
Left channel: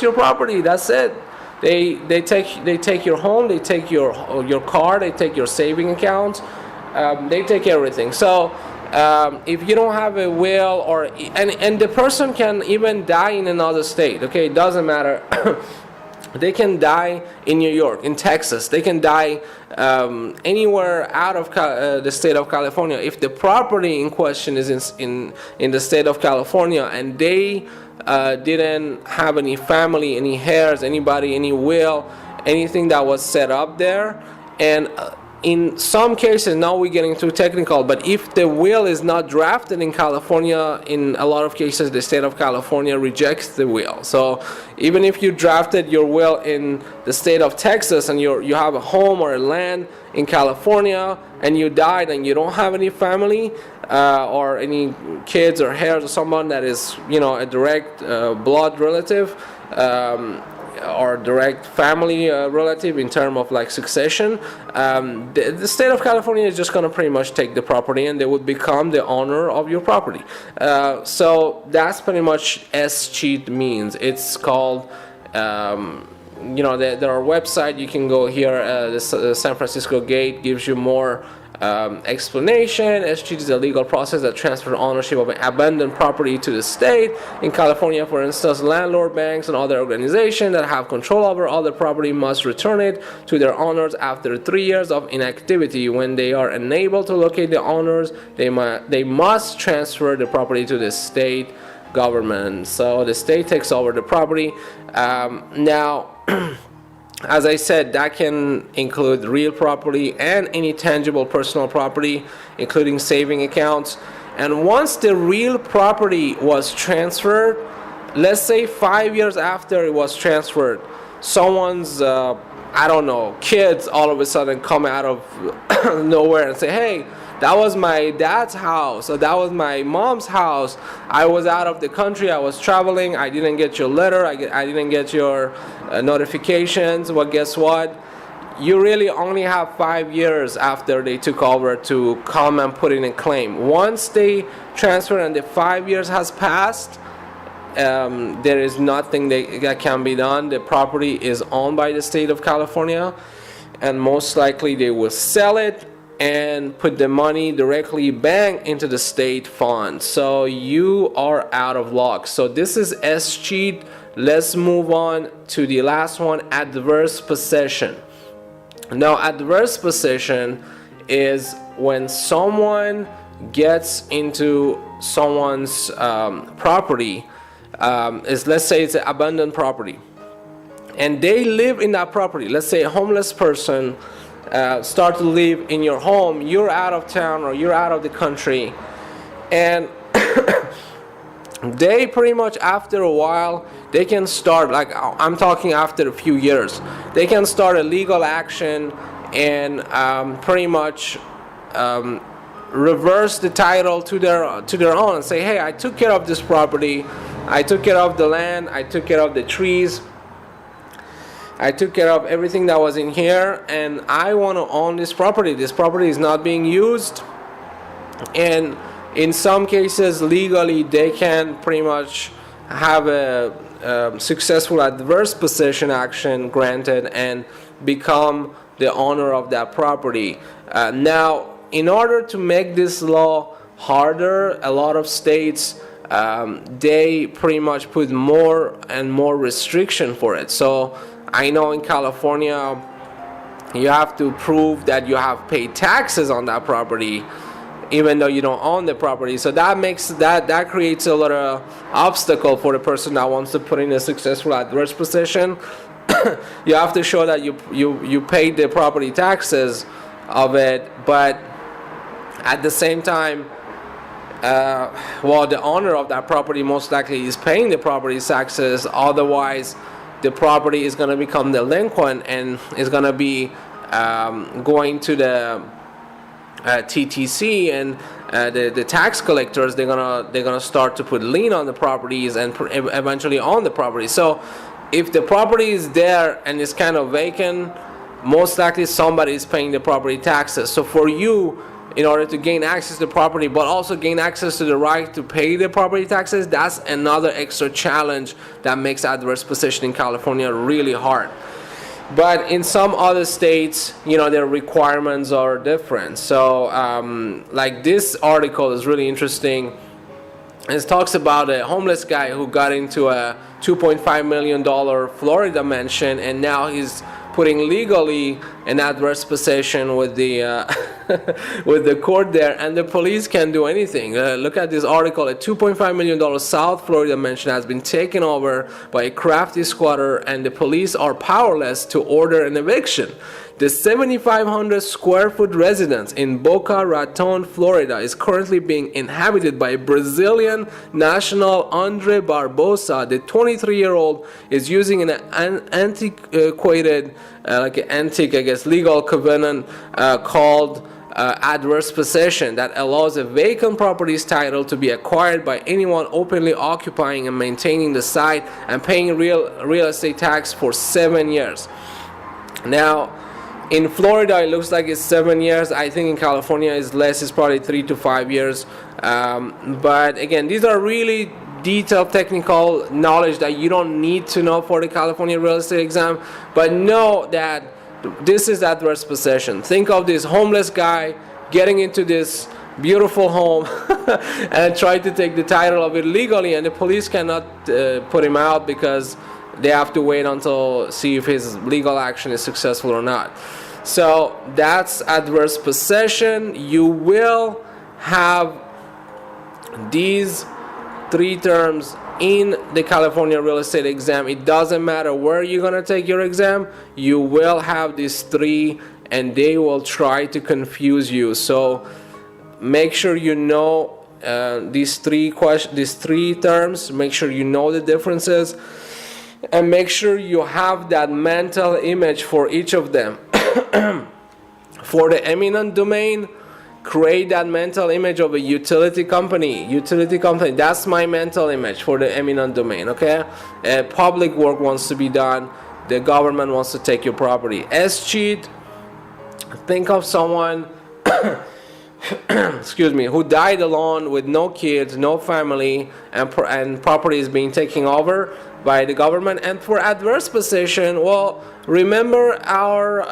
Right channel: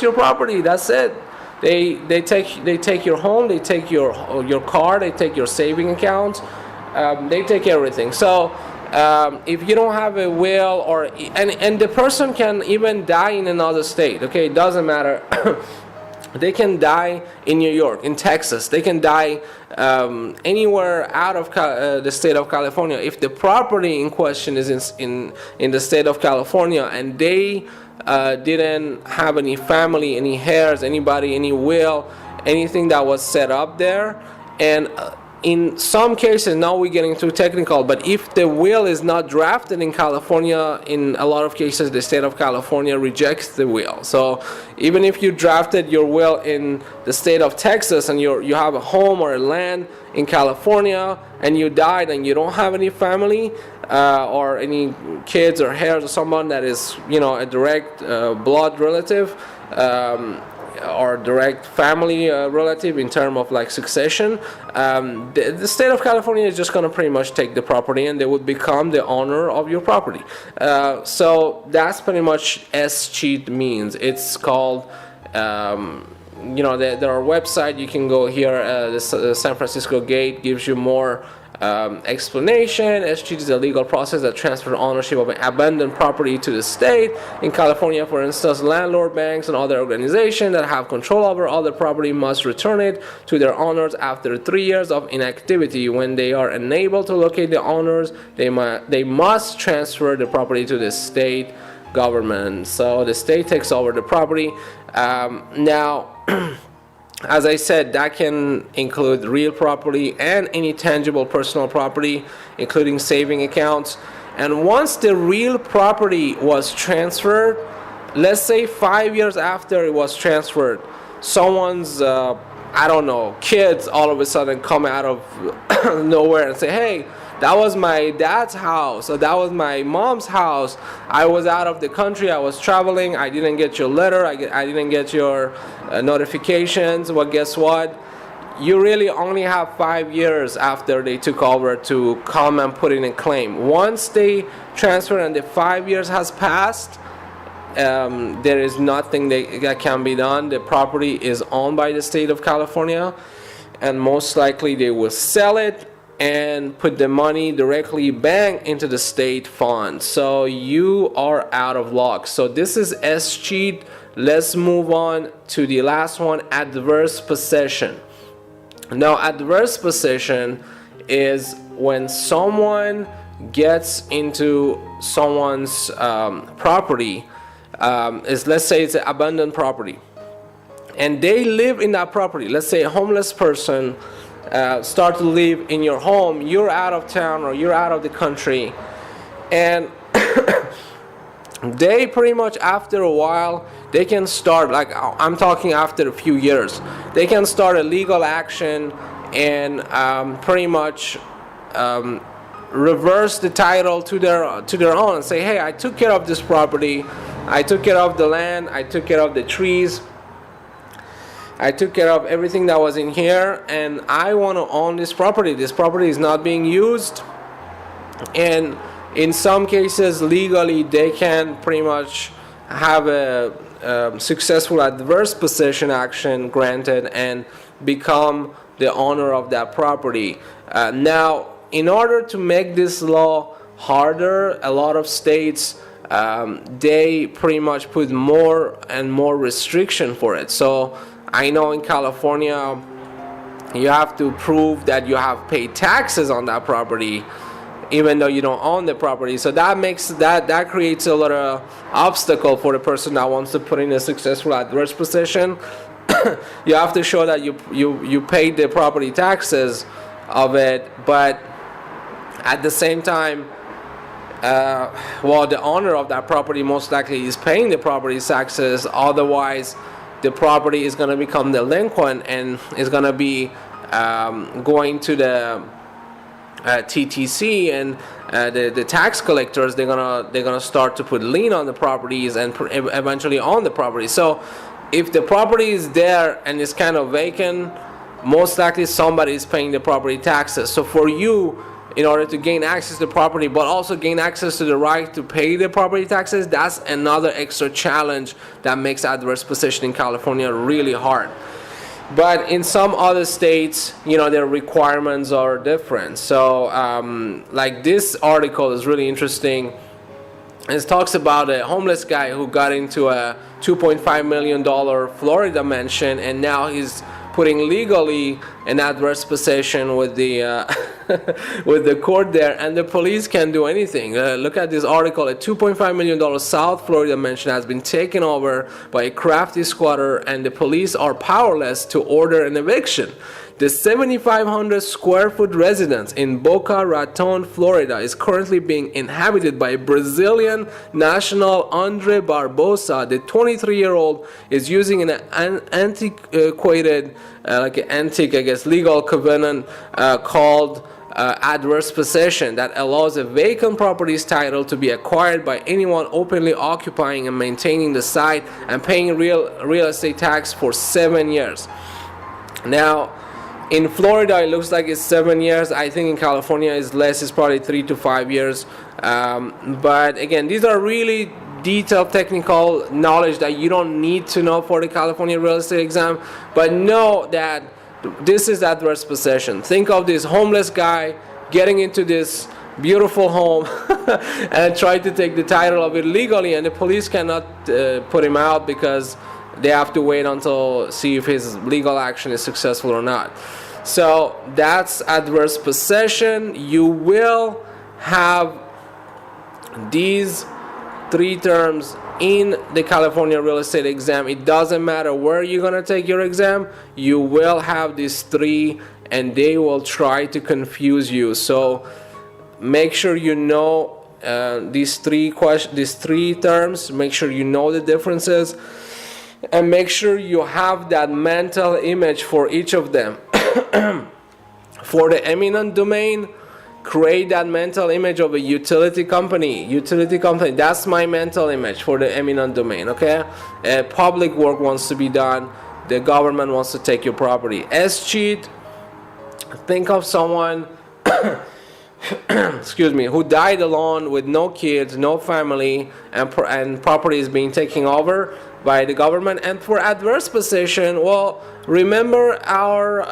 your property. That's it. They take your home, they take your car, they take your saving account, they take everything. So if you don't have a will, and the person can even die in another state. Okay, it doesn't matter. They can die in New York, in Texas. They can die anywhere out of the state of California. If the property in question is in the state of California, and they didn't have any family, any heirs, anybody, any will, anything that was set up there, and in some cases, now we're getting too technical, but if the will is not drafted in California, in a lot of cases the state of California rejects the will. So even if you drafted your will in the state of Texas and you have a home or a land in California and you died and you don't have any family or any kids or heirs or someone that is, a direct blood relative, or direct family relative in terms of like succession, the state of California is just going to pretty much take the property and they would become the owner of your property. So that's pretty much S-cheat means. It's called, there are website, you can go here, the San Francisco Gate gives you more explanation. S-cheat is a legal process that transfers ownership of an abandoned property to the state. In California, for instance, landlord, banks, and other organizations that have control over other property must return it to their owners after 3 years of inactivity. When they are unable to locate the owners, they must transfer the property to the state government. So the state takes over the property. Now, as I said, that can include real property and any tangible personal property, including saving accounts. And once the real property was transferred, let's say 5 years after it was transferred, someone's, kids all of a sudden come out of nowhere and say, hey, that was my dad's house, or that was my mom's house. I was out of the country, I was traveling, I didn't get your letter, I didn't get your notifications. Well, guess what? You really only have 5 years after they took over to come and put in a claim. Once they transfer and the 5 years has passed, there is nothing that can be done. The property is owned by the state of California, and most likely they will sell it and put the money directly back into the state fund. So you are out of luck. So this is S-cheat. Let's move on to the last one, adverse possession. Now, adverse possession is when someone gets into someone's property. Let's say it's an abandoned property, and they live in that property. Let's say a homeless person start to live in your home. You're out of town or you're out of the country, and they pretty much after a while they can start, like I'm talking after a few years, they can start a legal action and pretty much reverse the title to their own and say, hey, I took care of this property, I took care of the land, I took care of the trees, I took care of everything that was in here, and I want to own this property. This property is not being used. And in some cases, legally, they can pretty much have a successful adverse possession action granted and become the owner of that property. Now, in order to make this law harder, a lot of states they pretty much put more and more restriction for it. So I know in California, you have to prove that you have paid taxes on that property even though you don't own the property. So that creates a lot of obstacle for the person that wants to put in a successful adverse possession. You have to show that you paid the property taxes of it, but at the same time, well, the owner of that property most likely is paying the property taxes. Otherwise, the property is going to become delinquent and is going to be going to the TTC, and the tax collectors. They're gonna start to put lien on the properties and eventually own the property. So, if the property is there and it's kind of vacant, most likely somebody is paying the property taxes. So for you, in order to gain access to the property, but also gain access to the right to pay the property taxes, that's another extra challenge that makes adverse possession in California really hard. But in some other states, their requirements are different. So, like this article is really interesting. It talks about a homeless guy who got into a $2.5 million Florida mansion, and now he's putting legally an adverse possession with the with the court there, and the police can't do anything. Look at this article. A $2.5 million South Florida mansion has been taken over by a crafty squatter, and the police are powerless to order an eviction. The 7,500 square foot residence in Boca Raton, Florida is currently being inhabited by Brazilian national Andre Barbosa. The 23-year-old is using an antiquated, legal covenant called adverse possession that allows a vacant property's title to be acquired by anyone openly occupying and maintaining the site and paying real estate tax for 7 years. Now, in Florida, it looks like it's 7 years. I think in California it's less. It's probably 3 to 5 years. But again, these are really detailed technical knowledge that you don't need to know for the California real estate exam. But know that this is adverse possession. Think of this homeless guy getting into this beautiful home and try to take the title of it legally, and the police cannot put him out because they have to wait until see if his legal action is successful or not. So that's adverse possession. You will have these 3 terms in the California real estate exam. It doesn't matter where you're going to take your exam, you will have these 3, and they will try to confuse you. So make sure you know these 3 terms. Make sure you know the differences, and make sure you have that mental image for each of them. For the eminent domain, create that mental image of a utility company. That's my mental image for the eminent domain. Okay, public work wants to be done. The government wants to take your property. Escheat, think of someone who died alone with no kids, no family, and property is being taken over by the government. And for adverse possession, well, remember our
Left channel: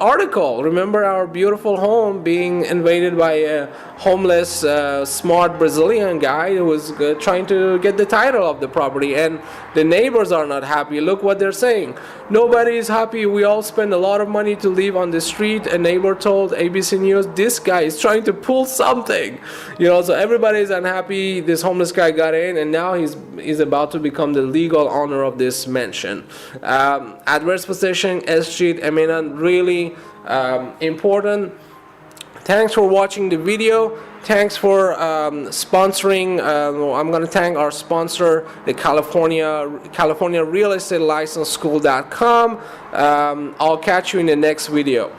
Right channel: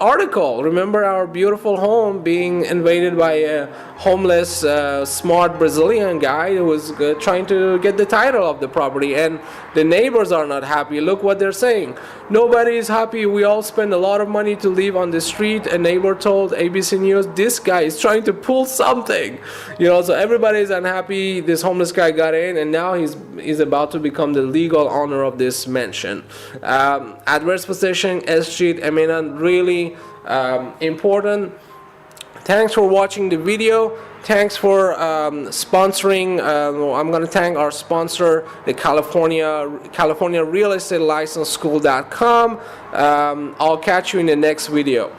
article. Remember our beautiful home being invaded by a homeless, smart Brazilian guy who was trying to get the title of the property, and the neighbors are not happy. Look what they're saying. Nobody is happy. We all spend a lot of money to live on the street. A neighbor told ABC News, this guy is trying to pull something. So everybody is unhappy. This homeless guy got in, and now he's about to become the legal owner of this mansion. Adverse possession, escheat, eminent, really important. Thanks for watching the video. Thanks for sponsoring. I'm going to thank our sponsor, the California Real Estate License School.com. I'll catch you in the next video.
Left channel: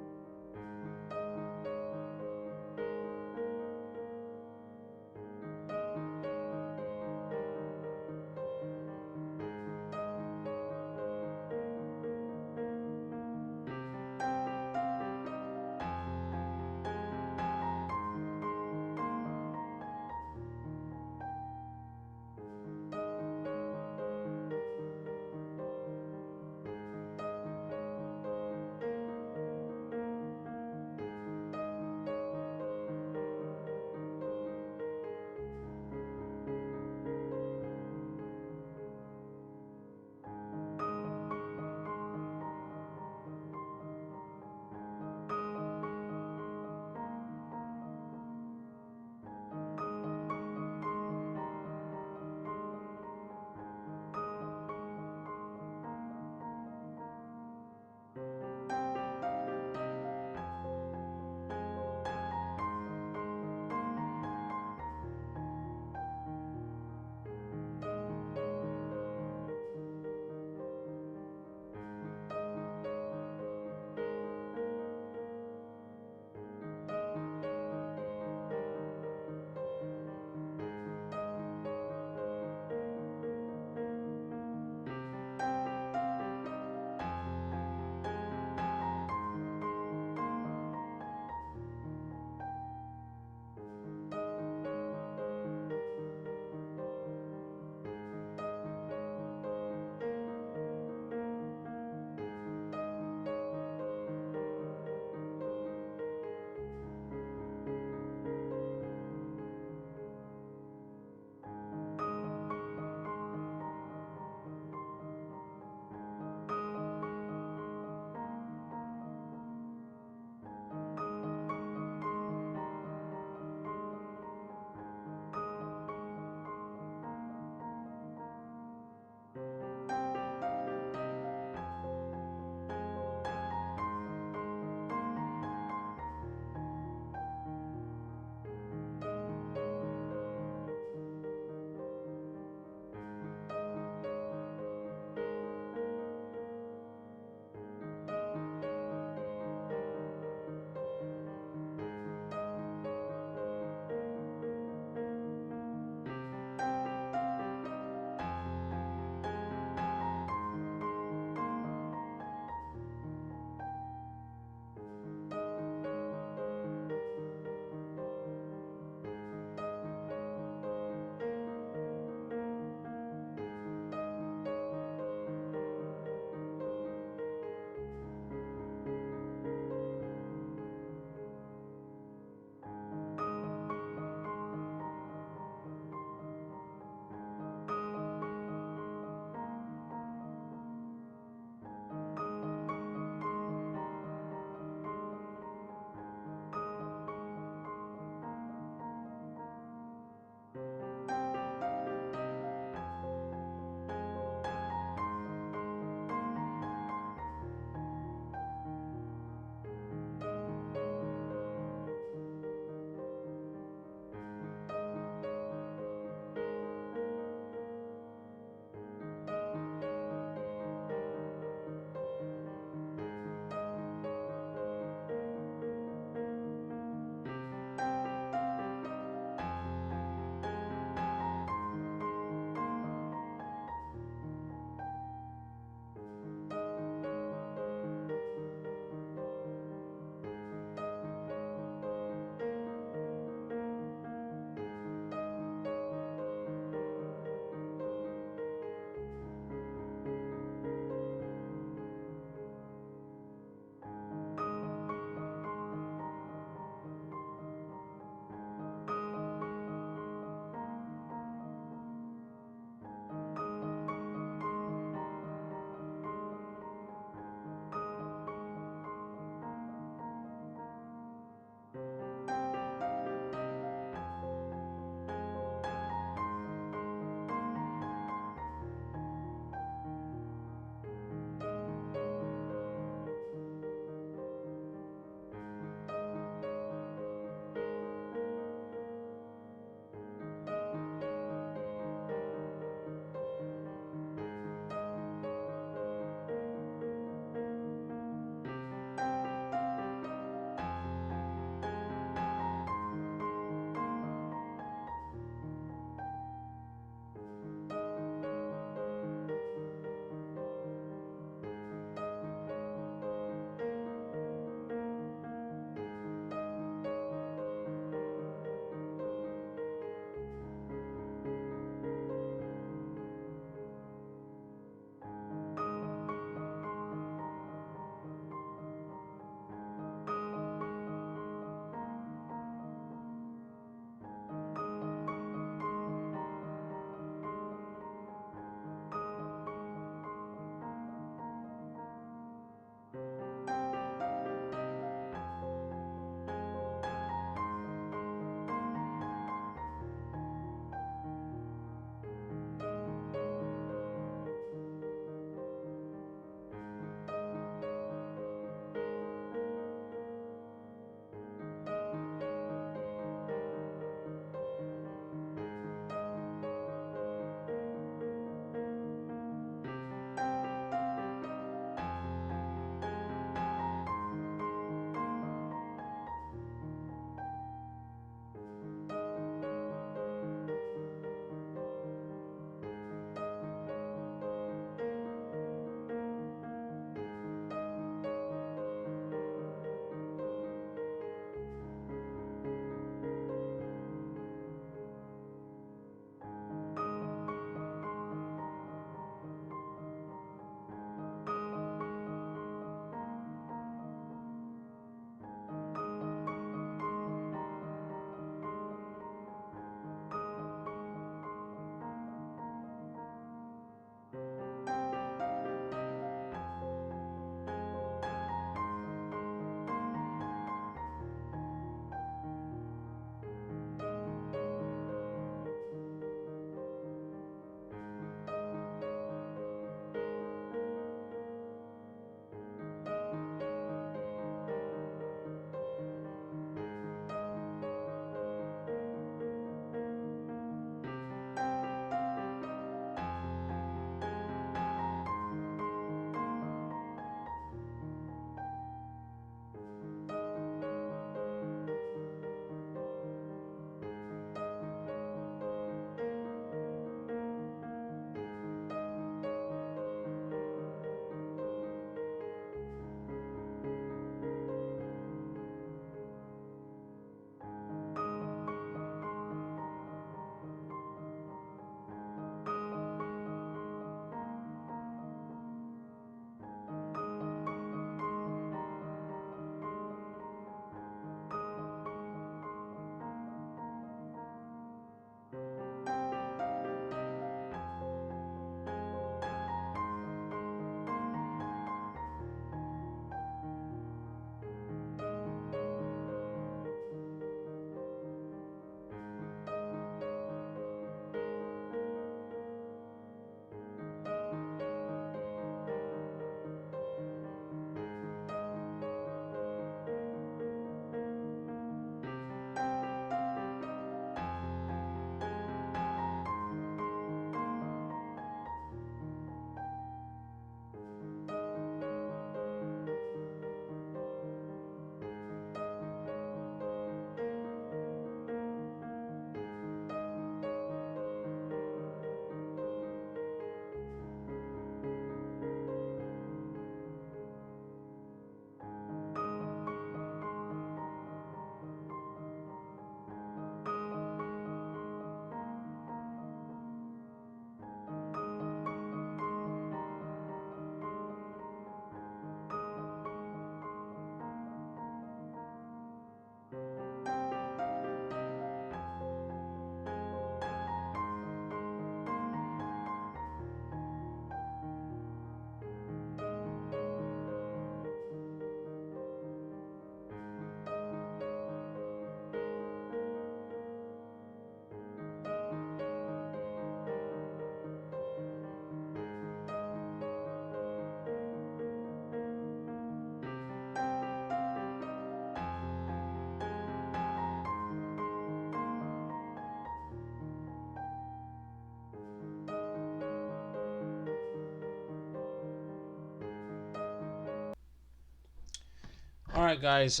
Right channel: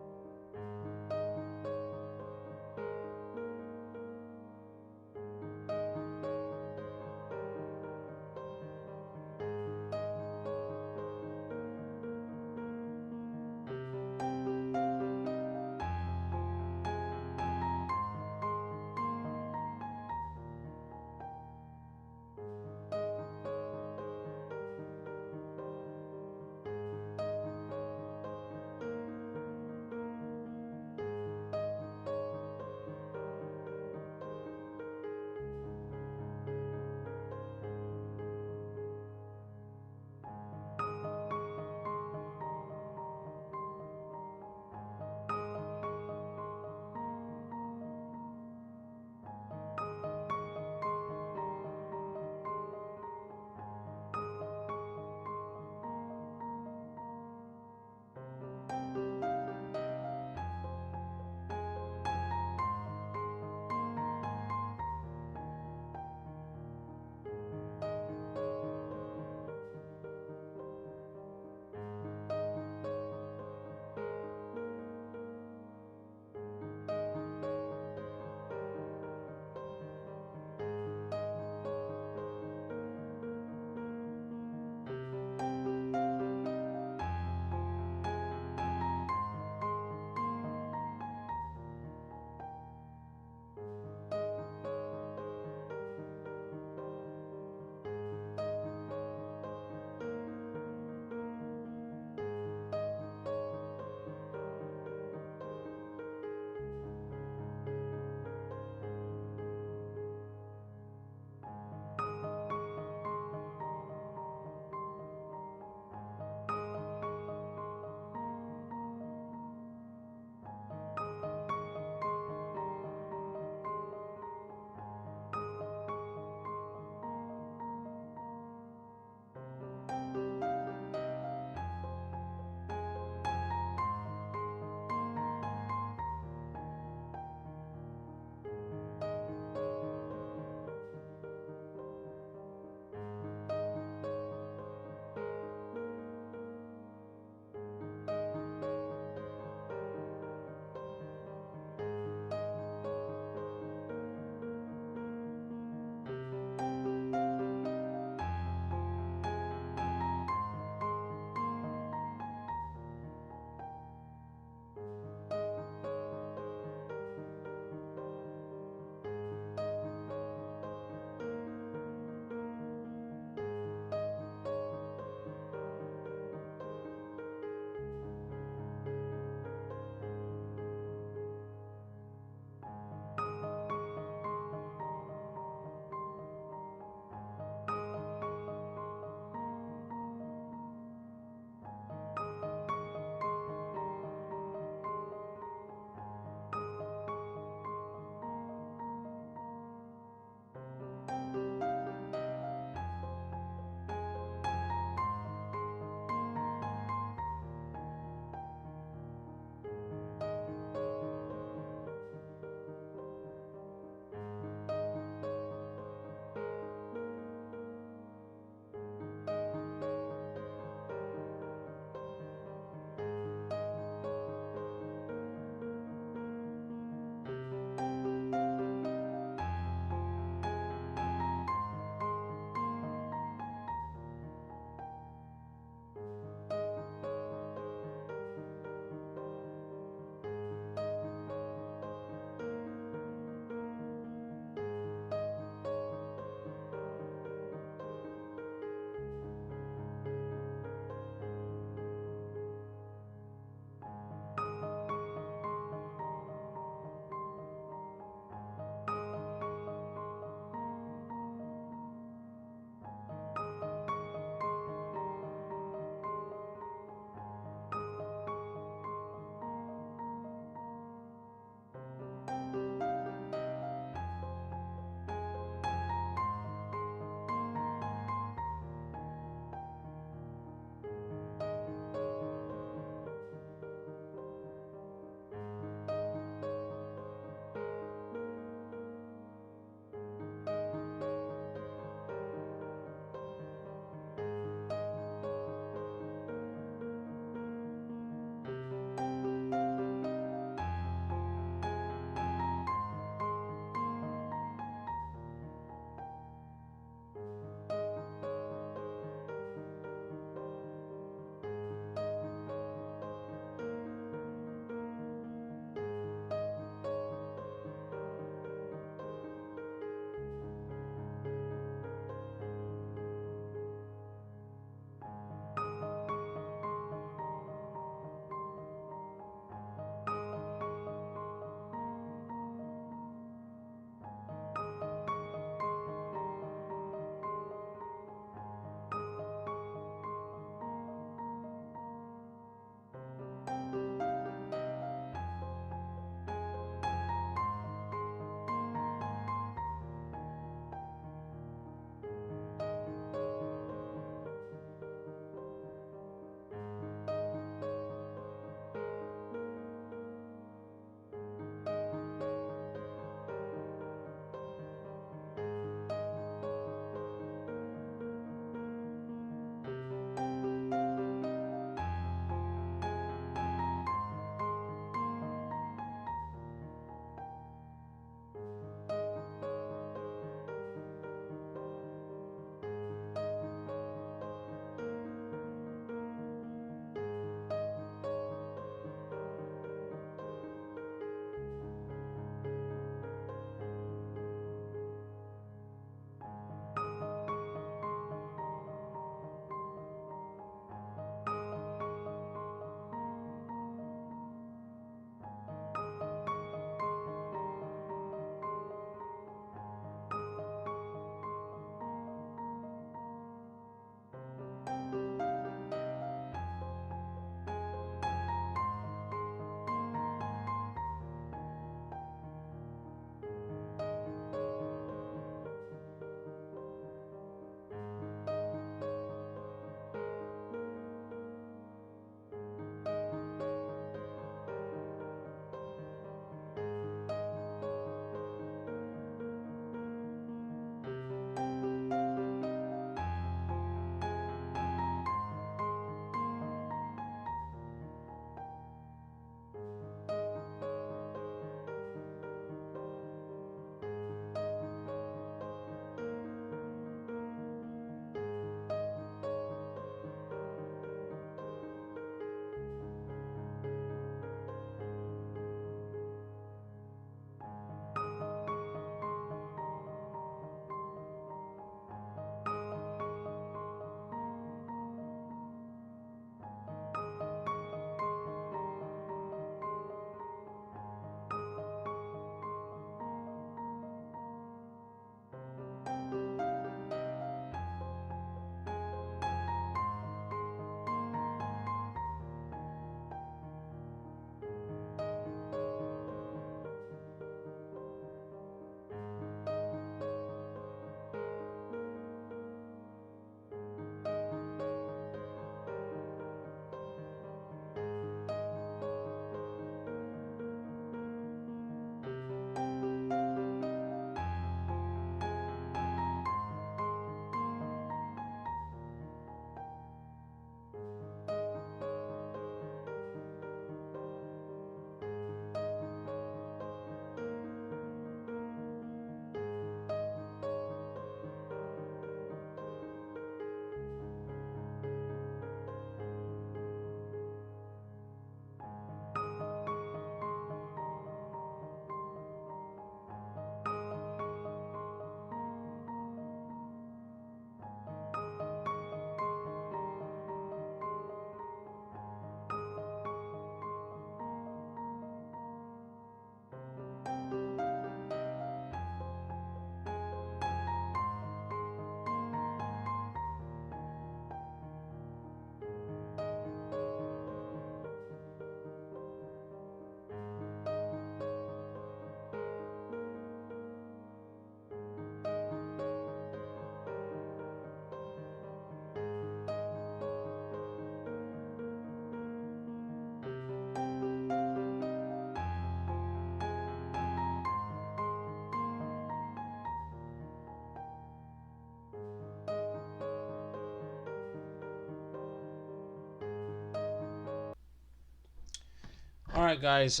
All right, guys.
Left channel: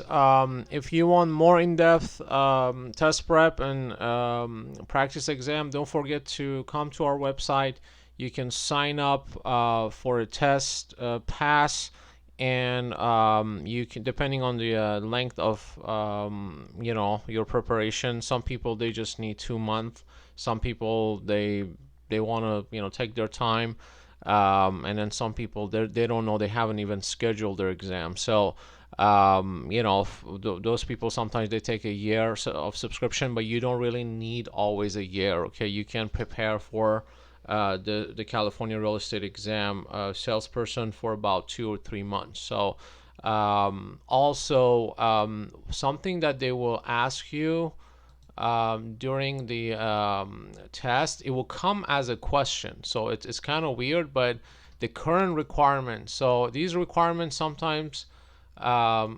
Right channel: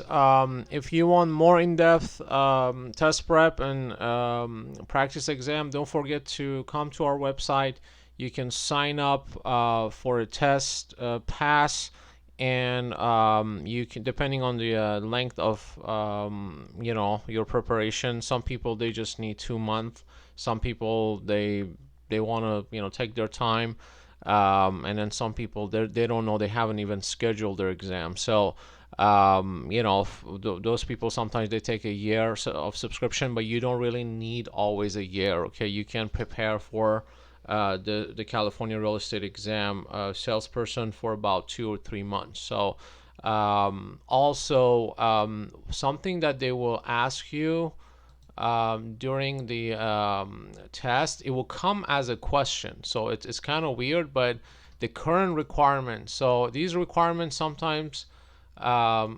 If you want more in-depth test prep and practice exam, don't forget to come to our website. You can sign up for a test pass, and you can, depending on the length of your preparation. Some people they just need 2 months. Some people they want to take their time, and then some people they don't know, they haven't even scheduled their exam. So those people sometimes they take a year of subscription, but you don't really need always a year. Okay, you can prepare for the California real estate exam salesperson for about 2 or 3 months. So also something that they will ask you during the test, it will come as a question. So it's kind of weird, but the current requirements. So these requirements sometimes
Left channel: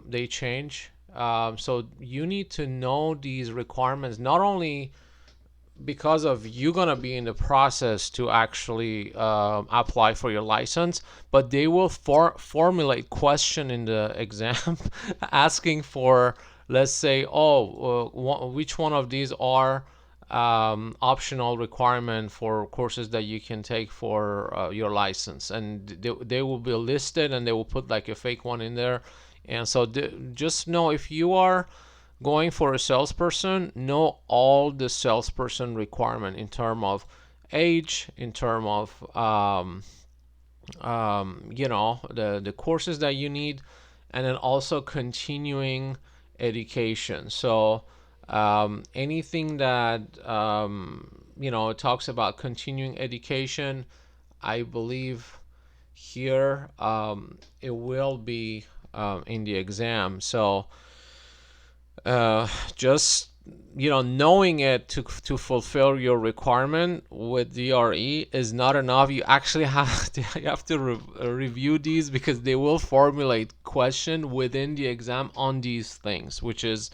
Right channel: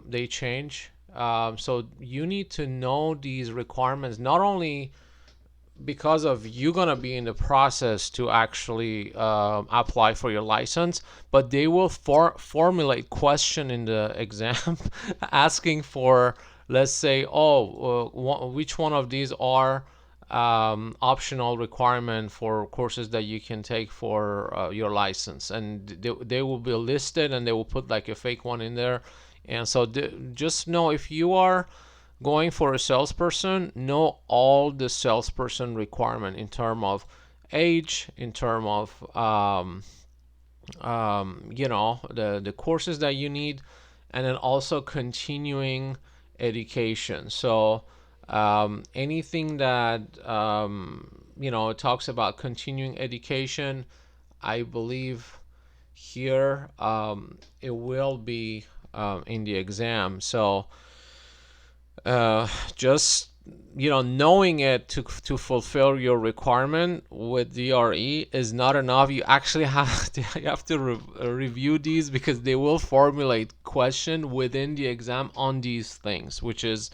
they change. So you need to know these requirements not only because of you gonna be in the process to actually apply for your license, but they will formulate question in the exam asking for, let's say, which one of these are optional requirement for courses that you can take for your license, and they will be listed, and they will put like a fake one in there. And so just know, if you are going for a salesperson, know all the salesperson requirement in term of age, in term of the courses that you need, and then also continuing education. So anything that talks about continuing education, I believe here it will be in the exam. So just knowing it to fulfill your requirement with DRE is not enough. You actually have to review these, because they will formulate question within the exam on these things, which is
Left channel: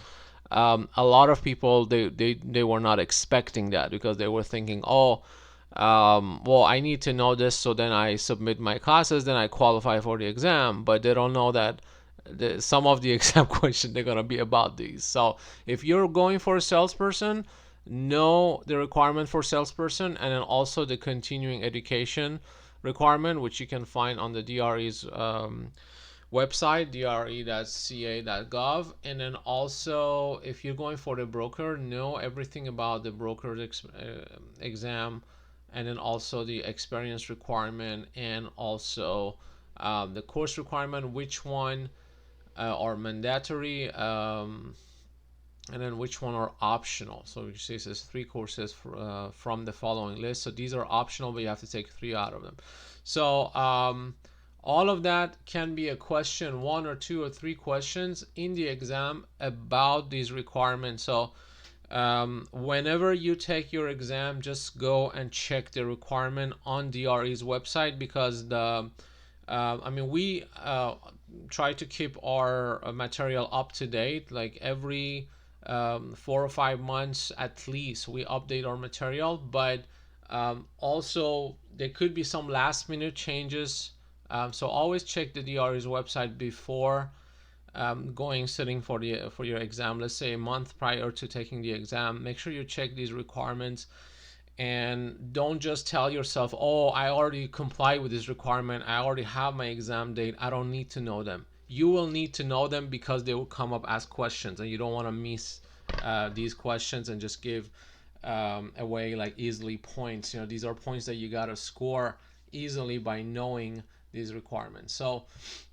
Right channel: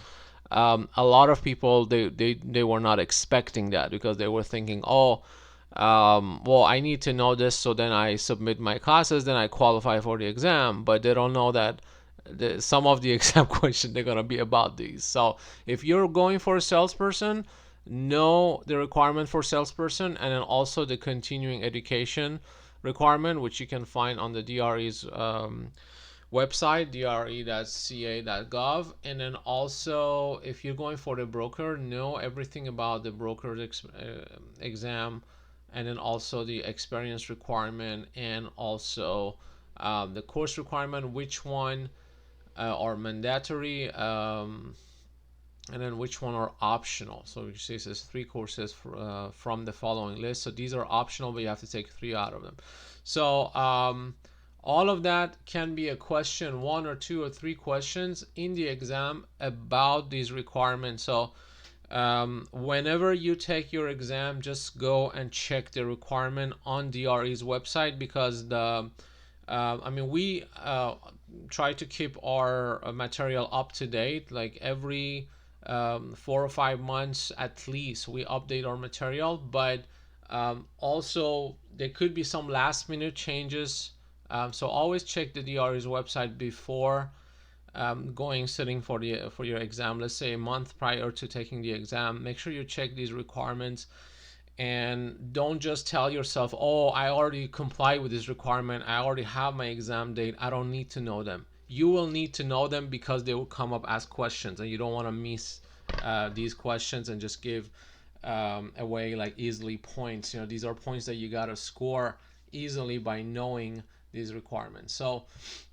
a lot of people they were not expecting that, because they were thinking, well, I need to know this, so then I submit my classes, then I qualify for the exam. But they don't know that some of the exam questions they're gonna be about these. So if you're going for a salesperson, know the requirement for salesperson, and then also the continuing education requirement, which you can find on the DRE's website, dre.ca.gov. And then also, if you're going for the broker, know everything about the broker's exam, and then also the experience requirement, and also the course requirement, which one are mandatory, and then which one are optional. So you see it says 3 courses from the following list. So these are optional, but you have to take 3 out of them. So all of that can be a question, 1 or 2 or 3 questions in the exam about these requirements. So whenever you take your exam, just go and check the requirement on DRE's website, because we try to keep our material up to date. Like every 4 or 5 months at least, we update our material. But also there could be some last minute changes. So always check the DRE's website before sitting for your exam. Let's say a month prior to taking the exam, make sure you check these requirements, and don't just tell yourself, I already comply with this requirement, I already have my exam date, I don't need to know them. You will need to know them, because they will come up as questions, and you don't want to miss these questions and just give away like easily points. These are points that you got to score easily by knowing these requirements. So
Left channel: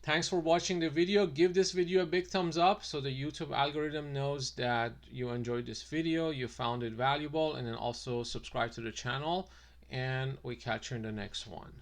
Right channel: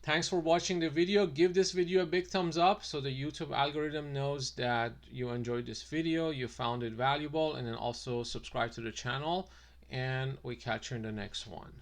thanks for watching the video. Give this video a big thumbs up, so the YouTube algorithm knows that you enjoyed this video, you found it valuable, and then also subscribe to the channel, and we catch you in the next one.